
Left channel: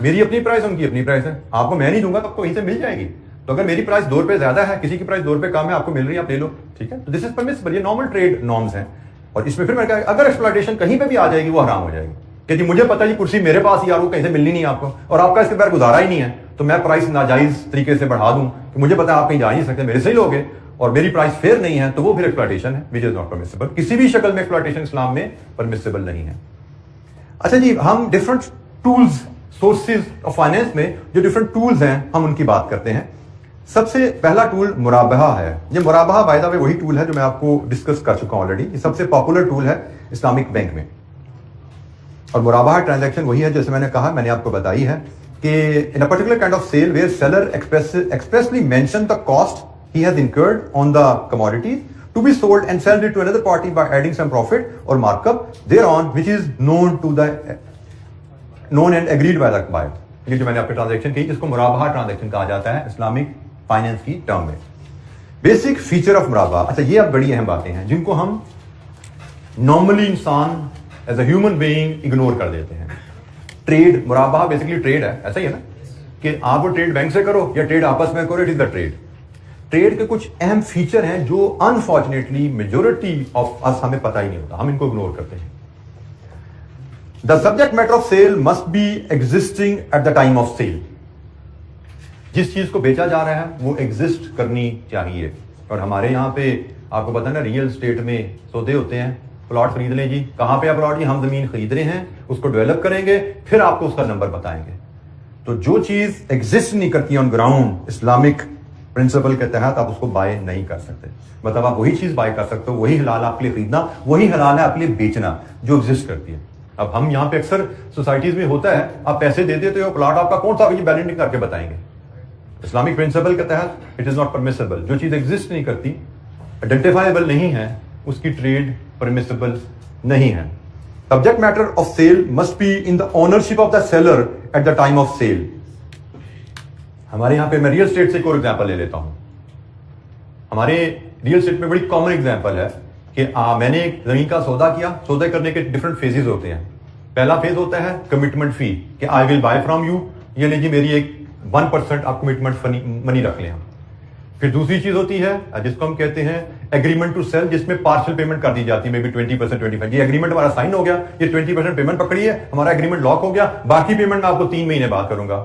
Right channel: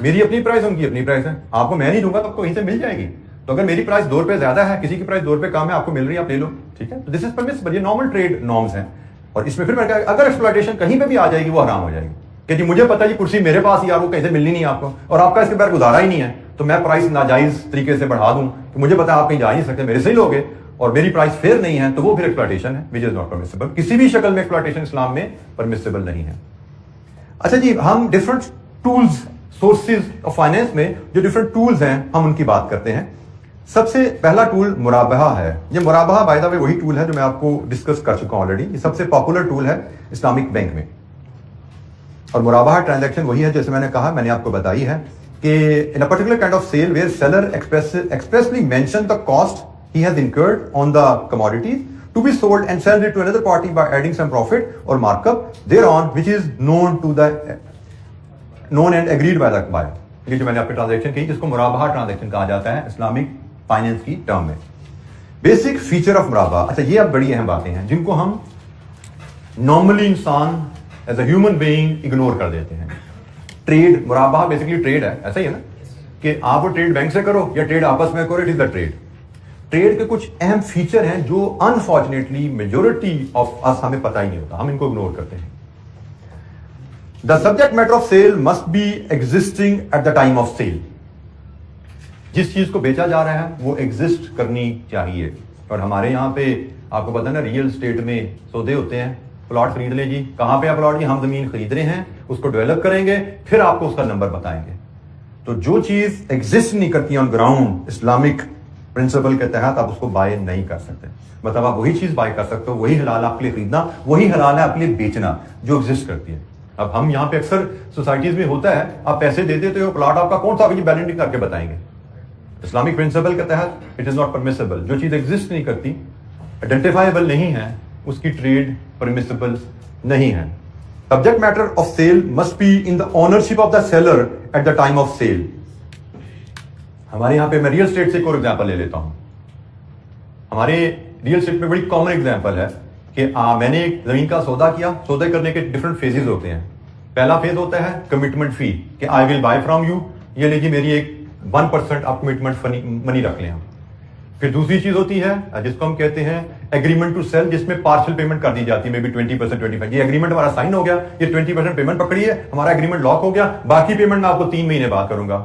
میری اپنی پرائس، ان کی اپنی پرائس ہے. آپ کو میں نہیں دوں گا تو آپ کو وہیں سے مل جائے گی. تو اگر میری پرائس 2 روپے زیادہ ہے، کسی کی پرائس 2 روپے کم ہے، آپ کو مل رہی ہے، آپ لے لو. ٹھیک ہے، تو دس از پرمیسبل. یہ نارمل ٹریڈ نارمز ہیں. اور اس میں پھر میں کہا اگر ایکسپلائٹیشن کہیں پہ بھی آ جائے گی وہ حرام ہو جائے گی کہ جی مجھے پتا جی کرسی میرے پاس ہی، آپ کو کہیں سے ملنی نہیں آپ کو، اور آپ کا اس کے بغیر گزارا ہی نہیں ہے، تو میں پرائس ناجائز طریقے سے بڑھا دوں کہ مجھے پتا آپ کہیں جا نہیں سکتے، میرے سے ہی لوگے اور میری پرائس فیئر نہیں ہے، تو وہ پھر ایکسپلائٹیشن ہے which is not permissible. کسی بھی شکل میں ایکسپلائٹیشن اسلام میں پرمیسیبل نہیں ہے. اچھا جی، ہم different tools, sources of finance میں جو ڈفرنٹ ٹولز ہیں ہم ان کی بات کرتے ہیں. سب سے پہلا ٹول مرابحہ ہے. یہ مرابحہ بائی دا وے وہی ٹول ہے جو میں آپ کو ڈسکس کر چکا ہوں آلریڈی. یہ سب سے پاپولر ٹول ہے اسلامک بینک میں. اور مرابحہ ٹرانزیکشن وہی ہے جیسے میں نے کہا، میں نے آپ کو بتائی ہے کہ in a particular kind of sale where seller expressly mention the cost he has incurred on the commodities to be sold and sell it to another party by adding some profit or markup thereon which is known and agreed by the buyer. یہ جو میں نے آپ کو transaction کی جس کو مرابحہ transaction کہا جاتا ہے اسلامک فائنینس کی ٹرم میں. بیسک فیچر آف مرابحہ. اچھا یہ اب بڑی اہم باتیں ہیں جن کو ہم نارملی انسان as a human being ignore کر دیتے ہیں. ٹریڈ، مرابحہ بیسکلی ٹریڈ ہے، ایسا ہی ہے نا کہ آپ وہ ٹریڈ بینک سے کرو یا ٹریڈ آپس میں کرو، it is the trade. Trade کے کچھ اہم فیچر ہیں جو انفارچونیٹلی میجورٹی آف اس ہمیں پتہ ہی نہیں ہوتا، ہم ان کو اگنور کرتے ہیں. The subject matter of sale must be existing at the time of sale. جس چیز کو بیچا جا رہا ہے وہ ایگزسٹ کرنی چاہیے. اور ہمارے یہاں پہ آپ کو پتا نا ریئل اسٹیٹ میں سودے ہوتے ہیں. پلاٹ خرید لیں جی، کہاں پہ پلاٹ؟ جی ہم زمین خرید رہے ہیں، اس کو ڈیولپ کریں گے، پھر آپ کو اس کا نمبر بتائیں گے. تو جو چیز ایگزسٹ نہیں کرتی آن گراؤنڈ اسلامک پرنسپل کے تحت آپ اس کو بائی نہیں کر سکتے. مطلب آپ وہی چیز بائی کر سکتے ہو، وہی حلال آپ کے لیے خریدنا، وہی حلال ہے آپ کے لیے بیچنا جو ایگزسٹ کرتی ہے. اب ہم یہاں پہ اکثر سوسائٹیز میں ہوتا ہے آپ پیسے دے دیتے ہو، پلاٹ آپ کا کون سا بیلنسنگ کر کے بتائیں گے. اسلامک پرنسپل کے تحت اٹ از ناٹ پرمیسیبل. جو چیز ایگزسٹ نہیں کرتی، آئیڈینٹیفائیبل نہیں ہے، اس کی ٹریڈ پرمیسیبل نہیں ہے. Subject matter of sale must be in the ownership of the seller at the time of sale. ہمارے یہاں پہ میں ریئل اسٹیٹ سے ایک اور ایگزامپل لے لیتا ہوں. ہمارے ریئل اسٹیٹ میں بڑی کامن ایگزامپل ہے کہ میں نے ایک زمین کا سودا کیا. سودا کرنے کے ڈفرنٹ فیزز ہوتے ہیں. پہلا فیز ہوتا ہے کمٹمنٹ فی کہ آئی ول بائی فرام یو، یعنی کہ میری ایک 1% آپ کمٹمنٹ منی رکھ لیں. پھر دوسری چیز ہوتی ہے جس کو ہم کہتے ہیں ایگریمنٹ ٹو سیل، جس میں پارشل پیمنٹ کر دی جاتی ہے، مے بی 20%، 25%. یہ ایگریمنٹ ہمارا سائن ہو گیا، یہ 20% پیمنٹ پکڑی ہے، ہمارا ایگریمنٹ لاک ہو گیا، باقی پیمنٹ میں آپ کو 3 مہینے بعد کروں گا.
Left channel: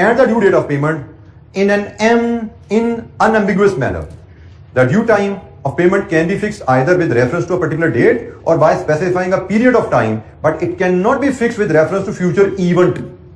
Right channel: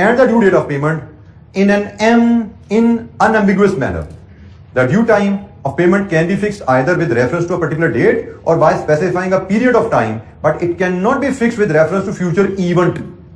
and the due date of payment in unambiguous manner. The due time of payment can be fixed either with reference to a particular date or by specifying a period of time, but it cannot be fixed with reference to future event.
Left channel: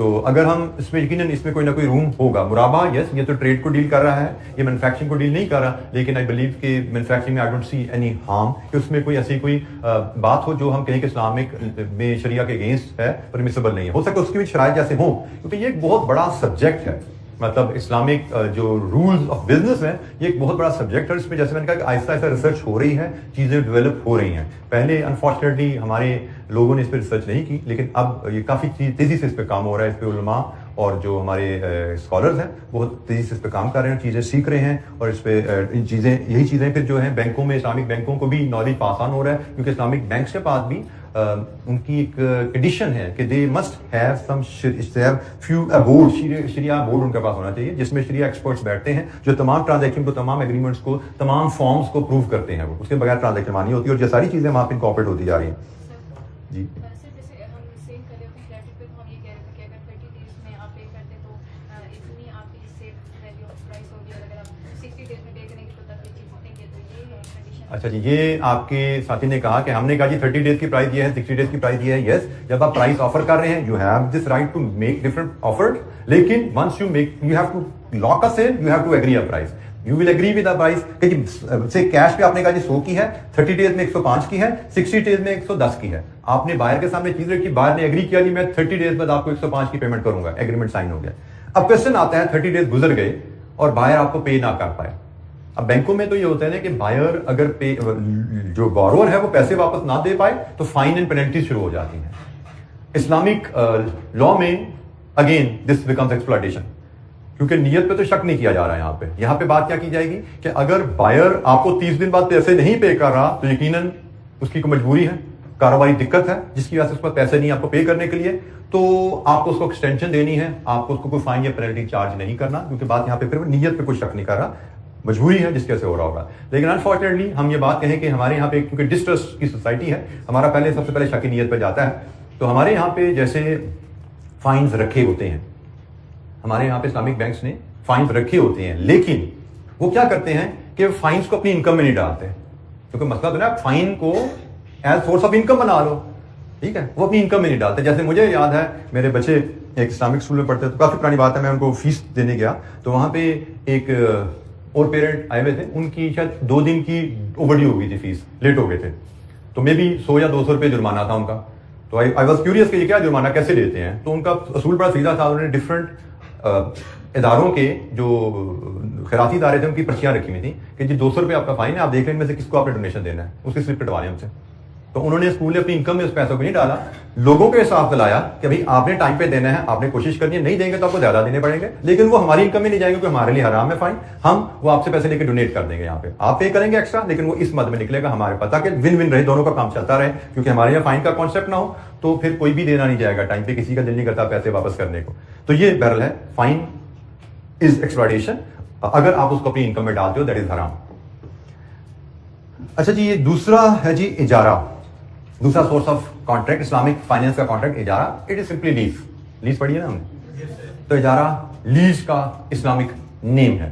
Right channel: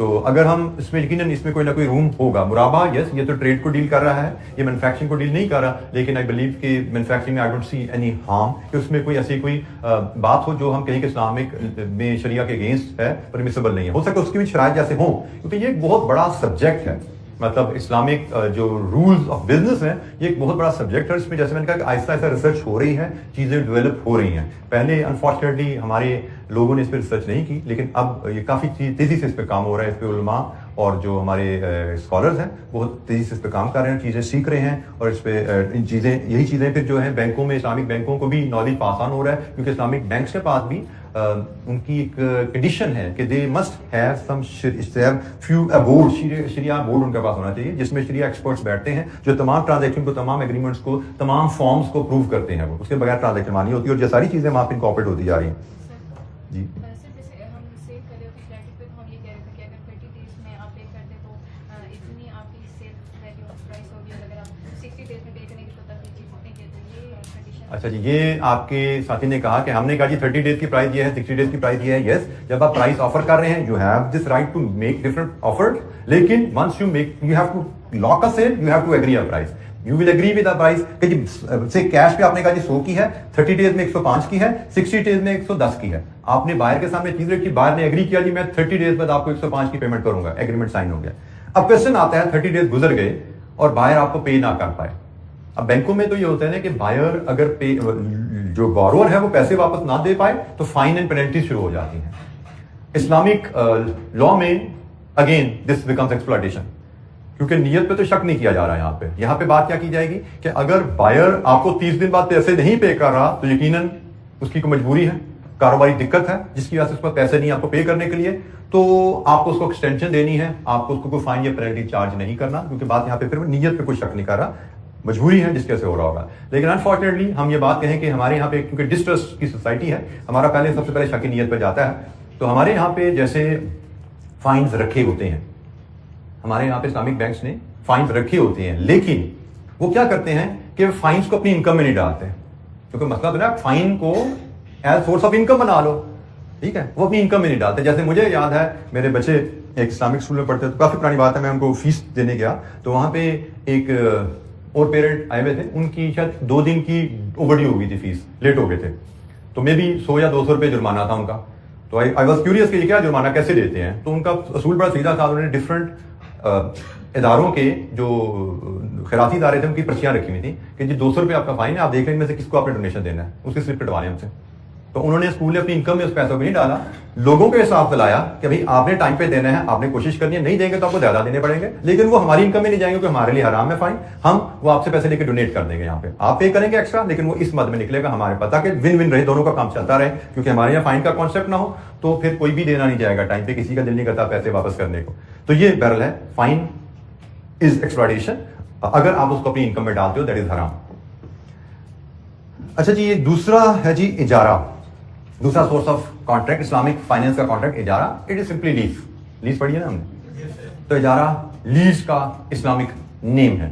تو اگر ہم اس میں یقیناً اس میں کوئی نہ کوئی روم ہوگا. مرابہ یس یہ تو ٹریڈ کو ڈیل کر رہا ہے, یہ مینوفیکچرنگ کو ڈیل نہیں کر رہا, لیکن آئی بلیو کہ مینوفیکچرنگ میں I don't see any harm کہ اس میں کوئی ایسی کوئی بات ہو جو ہم کہیں کہ اسلامک میں شریعہ کے اگینسٹ ہے, پرمیسیبل نہیں ہے. ہو سکتا ہے اس کی بھی شرائط جیسے ہوں, کیونکہ یہ ایک بہت بڑا سبجیکٹ ہے. مطلب اسلامک جو رولز آف بزنس ہیں یہ ایک بہت بڑا سبجیکٹ ہے. اس میں جیسے میں نے کہا کہ آہستہ آہستہ ریسرچ ہو رہی ہے, چیزیں ڈیولپ ہو رہی ہیں. پہلے انفارچونیٹلی ہمارے لوگوں نے اس پہ ریسرچ نہیں کی, لیکن اب یہ کافی تیزی سے اس پہ کام ہو رہا ہے. اس پہ علماء اور جو ہمارے اسکالرز ہیں بہت تیزی سے اس پہ کام کر رہے ہیں, چیزیں سیکھ رہے ہیں, اور اس پہ یہی چیزیں پھر جو ہیں بینکوں میں, اسلامک بینکوں کو بھی نالج پاس آن ہو رہا ہے, کیونکہ اسلامک بینکس کے پاس بھی ان کی ایک کنڈیشن ہے کہ they must have some few board, شریعہ بورڈ ان کے پاس ہونا چاہیے جس میں شریعہ ایکسپرٹس بیٹھتے ہیں جو تمام ٹرانزیکشن کو, تمام ایگریمنٹس کو, تمام فارمز کو اپروو کرتے ہیں. وہ اس کے بغیر ٹرانزیکشن مانی ہوتی ہے, اور یہ ساری چیزیں وہاں پہ انکارپوریٹ ہوتی جا رہی ہیں. جی اچھا جی, یہ آپ کے ساتھی نے کہا کہ ہم نے کہا جی 30 days کی پرائز یہ ہے, 60 days کی پرائز یہ ہے. یس, جب آپ پرائز آفر کر رہے ہیں you have this right to make different offer, لیکن once you have to lock a sale, you have to agree a price. You will agree with a price کہ جی سے کیش پہ آپ نے کہا جی 100 کی ہے, 30 days میں 105 کی ہے, 60 days میں 110 کی ہے. آپ نے بائر کے سامنے چیز رکھی, بائر نے ایگری کیا جی میں 30 days بعد آپ کو 105 کی پیمنٹ کروں گا, ایگریمنٹ سائن ہو گیا. اب کوشچن آتا ہے 30 days گزر گئے اور بائر آپ کو پے نہ کر پائے. اب بینکوں میں تو یہ ہوتا ہے نا کہ بائر اگر جو بورور ہے وہ پیسے واپس نہ دے پائے تو فائن اینڈ پینلٹی شروع ہو جاتی ہیں. اسلامک لا میں اگین دس بیکمز ایکسپلائٹیشن, کیونکہ نیت پہ تو شک نہیں کیا جا رہا ہے. یہاں پہ بات کیا کی جائے گی کہ اگر بائر آپ کو 30 دن بعد پیسے نہیں پے کر رہا تو یقیناً اس کی کوئی مجبوری ہے, کاروباری دقت ہے جس کی وجہ سے اس پر پیسے نہیں آپ کو پے کرنے کے لیے, تو آپ کو اس کو ایکسٹینشن دینی ہے, آپ کو اس کو کوئی فائن یا پینلٹی چارج نہیں کرنا, کیونکہ بات یہاں پہ پھر نیت پہ کوئی شک نہیں کر رہا, مجبوری ہے جس کیسے ہو رہا ہوگا. لیکن انفارچونیٹلی ہم یہ بات کہیں کہ ہمارے یہاں پہ کیونکہ ڈسٹرسٹ کی سوسائٹی ہے, ہمارا پہلے سب سے پہلے شک نیت پہ جاتا ہے. تو ہمارے یہاں پہ جیسے فائنز رکھے ہوتے ہیں, ہمارے یہاں پہ اسلامک بینکس نے فائنز رکھے ہوتے ہیں, لیکن وہ کیا کرتے ہیں کہ فائنز کو اپنی انکم میں نہیں ڈالتے, کیونکہ مسئلہ تو نا فائن کو ایز سورس آف انکم بنا لو, ٹھیک ہے, وہ اپنی انکم میں نہیں ڈالتے. جیسے مجھے یاد ہے میرے بچے ایک اسلامک اسکول میں پڑھتے, تو کافی پرانی بات ہے, میں ان کو فیس دینے گیا تو وہاں پہ ایک اور پیرنٹ آئے ہوئے تھے, ان کی شاید 2 دن کی اوور ڈیو ہو گئی تھی, فیس لیٹ ہو گئے تھے, تو میں بھی 100 یا 200 روپے جرمانہ تھا ان کا. تو آئی واز کیوریس کہ یہ کیا جرمانہ کیسے دیتے ہیں. تو ان کا اصول بڑا سیدھا تھا, انہوں نے ڈفرنٹ اداروں کے جو خیراتی ادارے تھے ان کی پرچیاں رکھی ہوئی تھیں کہ جی 200 روپے آپ کا فائن ہے, آپ دیکھ لیں میں سے کس کو آپ نے ڈونیشن دینا ہے, اس کی سلپ کٹوا لیں ہم سے. تو انہوں نے اسکول نے اپنی انکم میں اس پیسوں کو نہیں ڈالا, لوگوں کے حساب دلایا کہ بھائی آپ نے ٹائم پہ دینا ہے, آپ نے کوشش کرنی ہے, نہیں دیں گے تو آپ کو زیادہ دینے پڑیں گے, لیکن وہ ہماری انکم میں نہیں جائیں گے کیونکہ ہمارے لیے حرام ہے فائن, ہم وہ آپ سے پیسے لے کے ڈونیٹ کر دیں گے, یہاں پہ آپ پے کریں گے ایکسٹرا, لیکن وہ اس مد میں نکلے گا ہمارے پتہ کہ ون ون رہے, دونوں کا کام چلتا رہے, کیونکہ ہمارے یہاں فائن کا کانسیپٹ نہ ہو تو پھر کوئی بھی دینا نہیں جائے گا ٹائم پہ, کسی کا دل نہیں کرتا پیسے واپس کرنے کو. تو یہ بہرحال ہے, فائن از ایکسپلائٹیشن, اگر آپ اس کو اپنی انکم میں ڈالتے ہو دیٹ از حرام. اچھا جی, یہ دوسرا ہے جی اجارہ, دوسرا source of contract Islamic finance کا کانٹریکٹ اجارہ. It is simply lease. Lease پڑھی ہے نا ہم نے, تو اجارہ لیز کا اسلامک نیم ہے.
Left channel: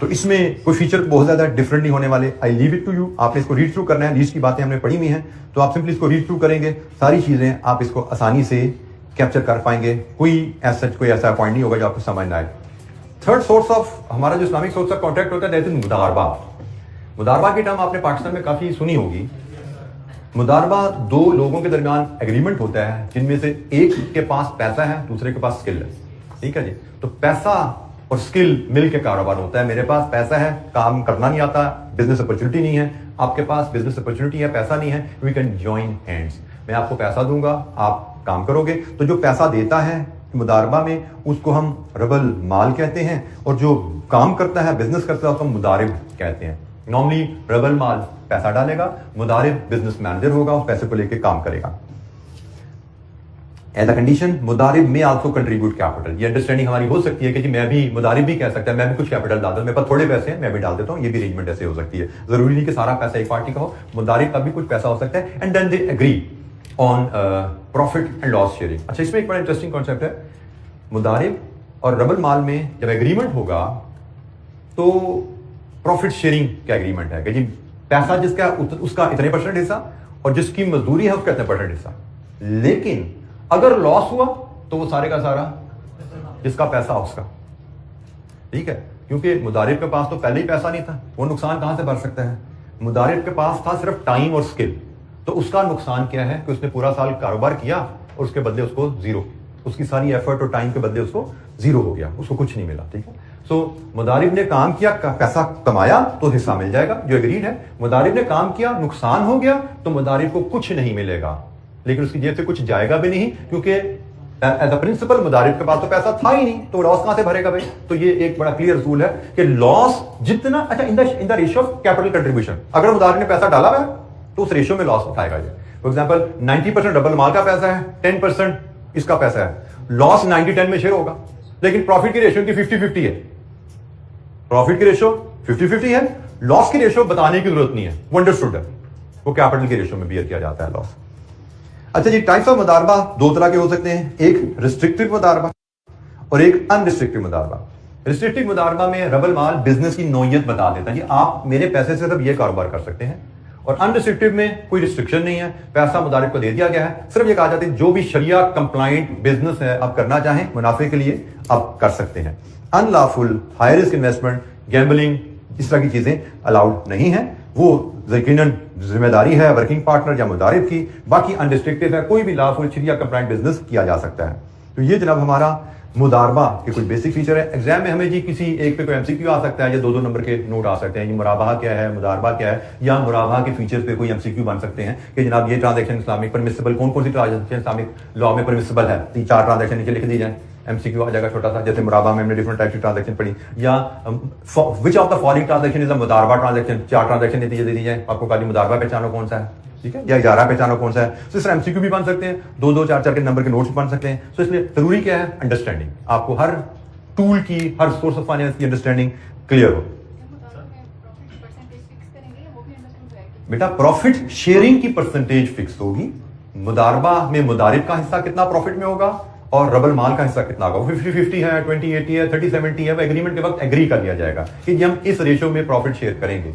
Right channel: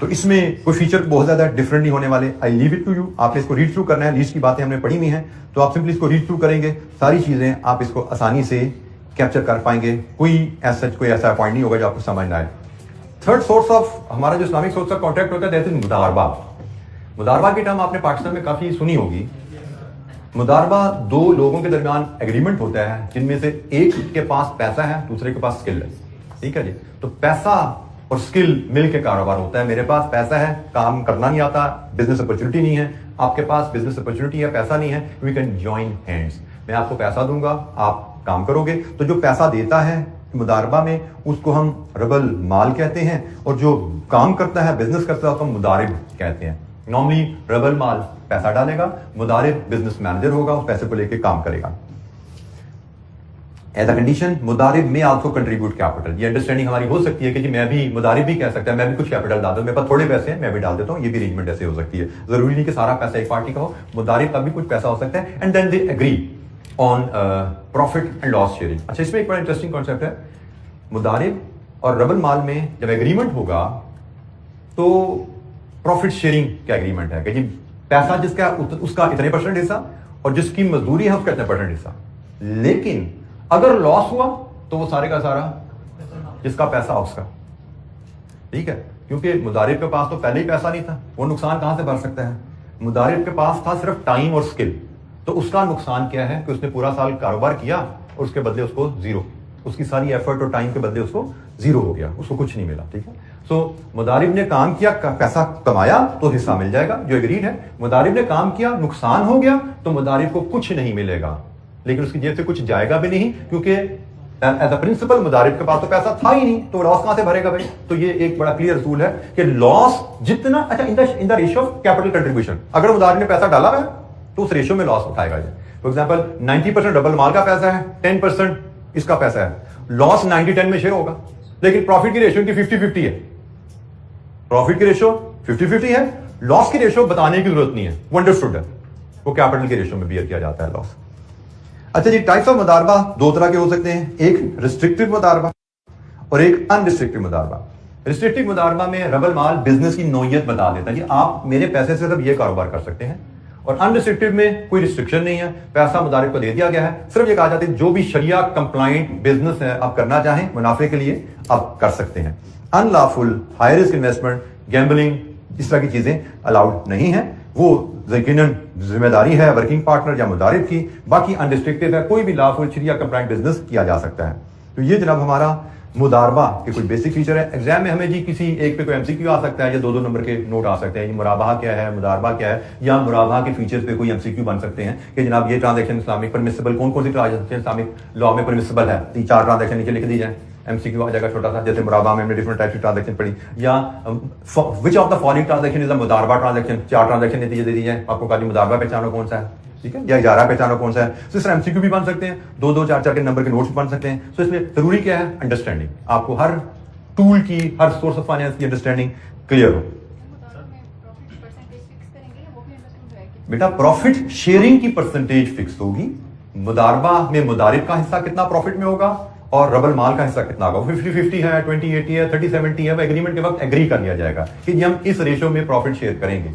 تو اس میں کوئی فیچر بہت زیادہ ڈفرنٹ نہیں ہونے والے. آئی لیو اٹ ٹو یو, آپ نے اس کو ریڈ تھرو کرنا ہے. لیز کی باتیں ہم نے پڑھی ہوئی ہیں, تو آپ سمپلی اس کو ریڈ تھرو کریں گے, ساری چیزیں آپ اس کو آسانی سے کیپچر کر پائیں گے. کوئی ایسا پوائنٹ نہیں ہوگا جو آپ کو سمجھ نہ آئے. تھرڈ سورس آف ہمارا جو اسلامک سورس آف کانٹریکٹ ہوتا ہے دیٹ از مداربہ. مداربہ کی ٹرم آپ نے پاکستان میں کافی سنی ہوگی. مداربہ 2 لوگوں کے درمیان ایگریمنٹ ہوتا ہے جن میں سے ایک کے پاس پیسہ ہے, دوسرے کے پاس اسکل ہے, ٹھیک ہے جی. تو پیسہ اور اسکل مل کے کاروبار ہوتا ہے. میرے پاس پیسہ ہے, کام کرنا نہیں آتا, بزنس اپرچونٹی نہیں ہے, آپ کے پاس بزنس اپرچونٹی ہے, پیسہ نہیں ہے, وی کین جوائن ہینڈس. میں آپ کو پیسہ دوں گا, آپ کام کرو گے. تو جو پیسہ دیتا ہے مداربہ میں اس کو ہم رب المال کہتے ہیں, اور جو کام کرتا ہے بزنس کرتا ہے اس کو ہم مدارب کہتے ہیں. نارملی رب المال پیسہ ڈالے گا, مدارب بزنس مینیجر ہوگا, اس پیسے کو لے کے کام کرے گا. ایز اے کنڈیشن مدارب میں آلسو کنٹریبیوٹ کیپٹل. یہ انڈرسٹینڈنگ ہماری ہو سکتی ہے کہ جی میں بھی مدارب بھی کہہ سکتا ہے میں بھی کچھ کیپٹل ڈال دوں, میرے پاس تھوڑے پیسے ہیں میں بھی ڈال دیتا ہوں. یہ بھی ارینجمنٹ ایسے ہو سکتی ہے, ضروری نہیں کہ سارا پیسہ ایک پارٹی کا ہو, مدارب کا بھی کچھ پیسہ ہو سکتا ہے. And then they agree on profit and loss sharing. اچھا, اس میں ایک بڑا انٹرسٹنگ کانسیپٹ ہے. مدارب اور رب المال میں جب ایگریمنٹ ہوگا تو پروفٹ شیئرنگ کا ایگریمنٹ ہے کہ جی پیسہ جس کا اس کا اتنے % حصہ, اور جس کی مزدوری ہے اس کا اتنے % حصہ. لیکن اگر لاس ہوا تو وہ سارے کا سارا جس کا پیسہ اس کا, ٹھیک ہے, کیونکہ مضارب کے پاس تو پہلے ہی پیسہ نہیں تھا, وہ نقصان کہاں سے بھر سکتا ہے؟ مضارب کے پاس تھا صرف ٹائم اور اسکل, تو اس کا نقصان کیا ہے کہ اس نے پورا سال کاروبار کیا اور اس کے بدلے اس کو زیرو, اس کی ساری ایفرٹ اور ٹائم کے بدلے اس کو زیرو ہو گیا, اس کو کچھ نہیں ملا, ٹھیک ہے. سو مضارب نے کام کیا, پیسہ کمایا تو حصہ مل جائے گا جو ایگریڈ ہے. مضارب نے کام کیا, نقصان ہو گیا, تو مضارب کو کچھ نہیں ملے گا, لیکن اس کی جیب سے کچھ جائے گا بھی نہیں, کیونکہ ایز اے پرنسپل مضارب کے پاس تو پیسہ تھا ہی نہیں, تو لاس کہاں سے بھرے گا بھائی؟ تو یہ ایک بڑا کلیئر اصول ہے کہ لاس جتنا, اچھا in the ratio of capital contribution, اگر مضارب نے پیسہ ڈالا ہوا ہے تو اس ریشیو میں لاس اٹھائے گا. فار ایگزامپل 90% ڈبل مال کا پیسہ ہے, 10% اس کا پیسہ ہے, لاس 90-10 میں شیئر ہوگا, لیکن پروفٹ کی ریشیو کی 50-50 ہے, پروفٹ کی ریشیو 50-50 ہے, لاس کی ریشیو بتانے کی ضرورت نہیں ہے, وہ انڈرسٹوڈ ہے, وہ کیپٹل کی ریشیو میں بیئر کیا جاتا ہے لاس. اچھا جی, ٹائپس آف مضاربہ دو طرح کے ہو سکتے ہیں, ایک ریسٹرکٹیو مضاربہ اور ایک ان ریسٹرکٹیو مضاربہ. ریسٹرکٹیو مضاربہ میں رب المال بزنس کی نوعیت بتا دیتا ہے, جی آپ میرے پیسے سے صرف یہ کاروبار کر سکتے ہیں, اور ان ریسٹرکٹیو میں کوئی ریسٹرکشن نہیں ہے, پیسہ مضارب کو دے دیا گیا ہے, صرف یہ کہا جاتا ہے جو بھی شریعہ کمپلائنٹ بزنس ہے آپ کرنا چاہیں منافع کے لیے آپ کر سکتے ہیں. Unlawful high risk investment, gambling, اس طرح کی چیزیں الاؤڈ نہیں ہیں, وہ یقیناً ذمہ داری ہے ورکنگ پارٹنر یا مضارب کی. باقی انریسٹرکٹیڈ ہے, کوئی بھی لافل شریعہ کمپلائنٹ بزنس کیا جا سکتا ہے. تو یہ جناب ہمارا مضاربہ کے کچھ بیسک فیچر ہے. ایگزام میں ہمیں جی کسی ایک پہ کوئی ایم سی کیو آ سکتا ہے یا 2-2 نمبر کے نوٹ آ سکتے ہیں, یہ مرابحہ کیا ہے, مضاربہ کیا ہے, یا مرابحہ کے فیچرز پہ کوئی ایم سی کیو بن سکتے ہیں کہ جناب یہ ٹرانزیکشن اسلامک پرمیسیبل, کون کون سی ٹرانزیکشن اسلامک لا میں پرمیسیبل ہے, 3-4 ٹرانزیکشن نیچے لکھ دی جائیں, ایم سی کیو آ جائے گا چھوٹا سا. جیسے مرابحہ میں ہم نے ڈفرنٹ ٹائپ کی ٹرانزیکشن پڑھی, یا which of the following transaction is a مضاربہ ٹرانزیکشن, 4 ٹرانزیکشن نتیجے دے دی جائیں, آپ کو کہا مضاربہ پہچانو کون سا ہے, ٹھیک ہے, یا اجارہ پہچانو کون سا ہے. تو اس طرح ایم سی کیو بھی بن سکتے ہیں, 2-2, 4-4 کے نمبر کے نوٹس بن سکتے ہیں. تو اس لیے ضروری کیا ہے, انڈرسٹینڈنگ, آپ کو ہر ٹول کی, ہر سورس آف فائنینس کی انڈرسٹینڈنگ کلیئر ہو. بیٹا پروفٹ شیئرنگ کی پرسنٹیج فکس ہوگی, مضاربہ میں مضارب کا حصہ کتنا پروفٹ میں ہوگا اور رب المال کا حصہ کتنا ہوگا, 50-50 ہے, 20-80 ہے, 30-70 ہے, وہ ایگریمنٹ کے وقت ایگری کر لیا جائے گا کہ جی ہم اس ریشو میں پروفٹ شیئر کریں گے.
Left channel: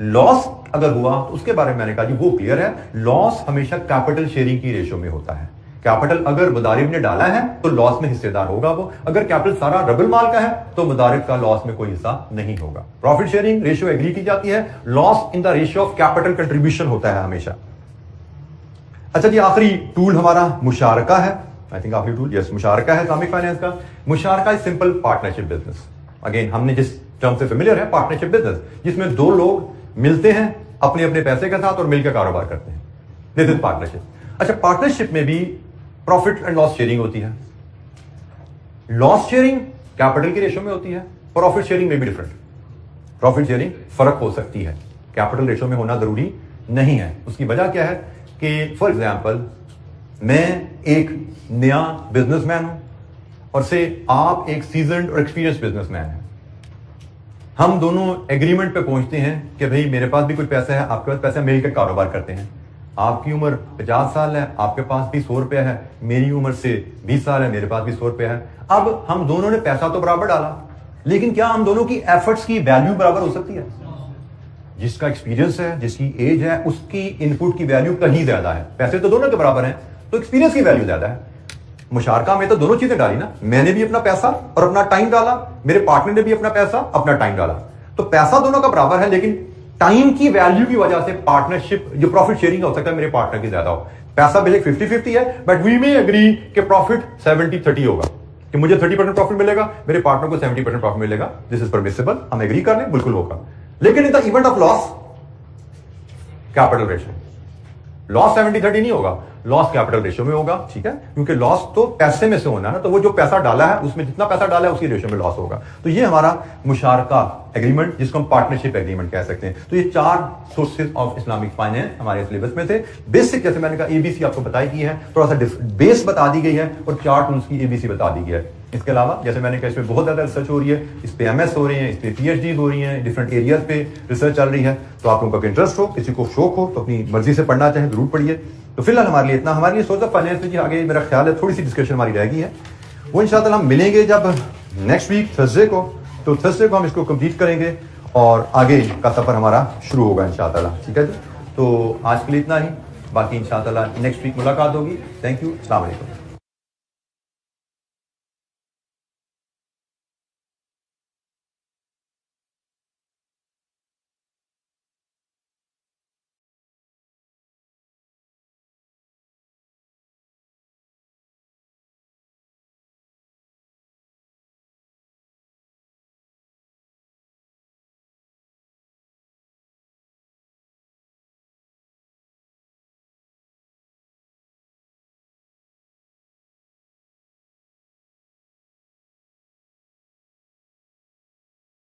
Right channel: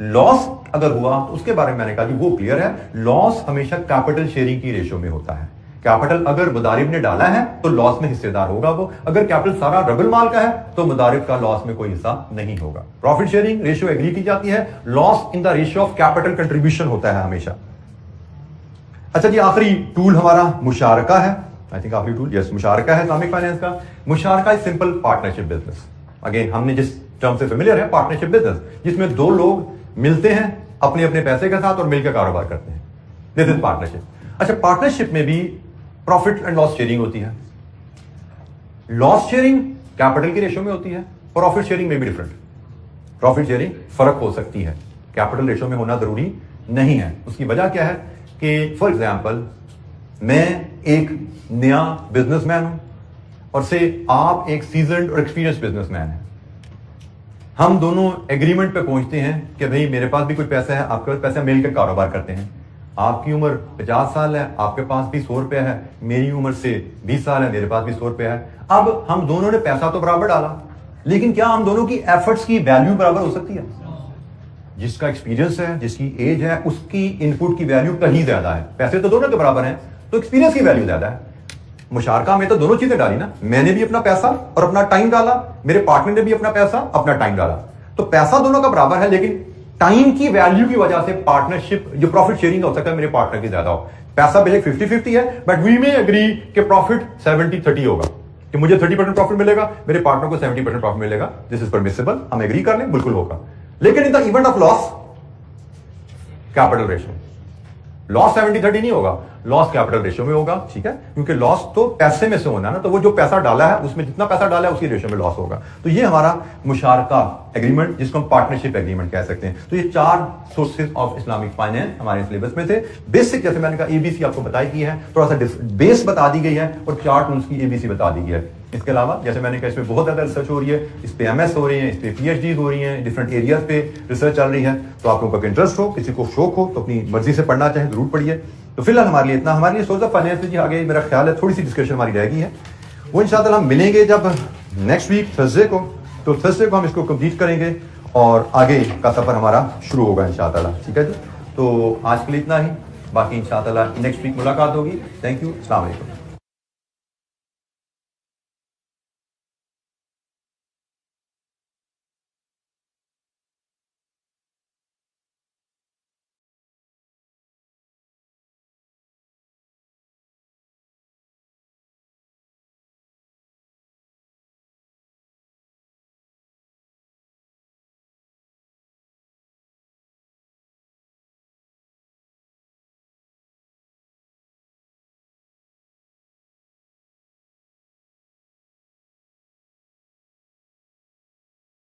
لاس اگر ہوا تو اس کے بارے میں نے کہا جی وہ کلیئر ہے, لاس ہمیشہ کیپٹل شیئرنگ کی ریشو میں ہوتا ہے. کیپٹل اگر مضارب نے ڈالا ہے تو لاس میں حصے دار ہوگا وہ, اگر کیپٹل سارا رب المال کا ہے تو مضارب کا لاس میں کوئی حصہ نہیں ہوگا. پروفٹ شیئرنگ ریشو ایگری کی جاتی ہے, loss in the ratio of capital contribution ہوتا ہے ہمیشہ. اچھا جی, آخری ٹول ہمارا مشارکہ ہے. آئی تھنک آخری ٹول یس مشارکہ ہے اسلامک فائنینس کا. مشارکہ is simple partnership business. Again ہم نے جس ٹرم سے فیملیئر ہے, پارٹنرشپ بزنس, جس میں 2 لوگ ملتے ہیں اپنے اپنے پیسے کے ساتھ اور مل کے کاروبار کرتے ہیں, دس از پارٹنرشپ. اچھا, پارٹنرشپ میں بھی پروفٹ اینڈ لاس شیئرنگ ہوتی ہے. لاس شیئرنگ کیپٹل کی ریشو میں ہوتی ہے, پروفٹ شیئرنگ میں بھی ڈفرنٹ. پروفٹ شیئرنگ فرق ہو سکتی ہے, کیپٹل ریشو میں ہونا ضروری نہیں ہے. اس کی وجہ کیا ہے کہ فار ایگزامپل میں ایک نیا بزنس مین ہوں اور سے آپ ایک سیزنڈ اور ایکسپیرینس بزنس مین ہیں. ہم دونوں ایگریمنٹ پہ پہنچتے ہیں کہ بھئی میرے پاس بھی کچھ پیسہ ہے, آپ کے پاس پیسہ, مل کر کاروبار کرتے ہیں. آپ کی عمر 50 سال ہے, آپ کے پاس بھی 100 روپیہ ہے, میری عمر سے 20 سال ہے, میرے پاس بھی 100 روپیہ ہے. اب ہم دونوں نے پیسہ تو برابر ڈالا, لیکن کیا ہم دونوں کی ایفرٹس کی ویلیو برابر ہو سکتی ہے؟ جس کا ایکسپیرینس ہے, جس کی ایج ہے, اس کی ان پٹ کی ویلیو کہیں زیادہ ہے. پیسے تو دونوں کے برابر ہیں, تو ایکسپیرینس کی ویلیو زیادہ ہے. مشارکہ میں تو دونوں چیزیں ڈالی نا, میں نے بھی اپنا پیسہ اور اپنا ٹائم ڈالا, میرے پارٹنر نے بھی اپنا پیسہ اپنا ٹائم ڈالا. تو پیسہ دونوں کا برابر ہے, لیکن ٹائم کی ویلیو کی وجہ سے پارٹنرشپ جو پروفٹ شیئرنگ ہو سکتا ہے میرے پارٹنر کی زیادہ ہو. پیسہ بھلے 50-50 ہے, بٹ وی میں اگری کہ پروفٹ 70-30 ہوگا, کہ مجھے 30% پروفٹ ملے گا, میرے پارٹنر کو 70% پروفٹ ملے گا. دس از پرمیسیبل, ہم ایگری کر لیں, بالکل ہوگا. لیکن in the event of loss, capital ratio, loss 70-30 نہیں ہوگا, لاس کیپٹل ریشو میں ہوگا. ٹھیک ہے, کیونکہ لاس تو پیسے میں سے ہونا ہے نا, تو وہ جو پیسہ ڈالا ہے اس میں جتنا پیسہ ڈالا ہے اسی ریشو میں لاس ہوگا. تو یہ ہمارا مشارکہ ایگریمنٹ, جس کو ہم پارٹنرشپ ایگریمنٹ کہہ سکتے ہیں. تو یہ 4 سورسز آف اسلامک فائنینس ہمارے سلیبس میں تھے. بیسک جیسے میں نے کہا ABC آپ کو بتائی گئی ہے, تھوڑا سا بیس بتا دی گئی ہے, اور 4 ٹولز کی ABC بتا دی گئی ہے. اس کے علاوہ جیسے میں نے کہا اس میں بہت زیادہ ریسرچ ہو رہی ہے, اس پہ MS ہو رہی ہیں, اس پہ PhDs ہو رہی ہیں, ڈفرنٹ ایریاز پہ ریسرچ چل رہی ہے. تو آپ لوگوں کا انٹرسٹ ہو, کسی کو شوق ہو تو اپنی مرضی سے پڑھنا چاہے ضرور پڑھیے. تو فی الحال ہمارے لیے اتنا. ہمارے لیے سورس آف فائنینس میں جی آگے میرا خیال ہے تھوڑی سی ڈسکشن ہماری رہ گئی ہے, وہ انشاءاللہ ہم ملیں گے جب نیکسٹ ویک تھرسڈے کو. تو تھرسڈے کو ہم اس کو کمپلیٹ کریں گے اور آگے کا سفر ہمارا شروع ہوگا انشاءاللہ. ٹھیک ہے جی, تو آج کے لیے اتنا ہی, باقی انشاءاللہ نیکسٹ ویک ملاقات ہوگی. تھینک یو, السلام علیکم.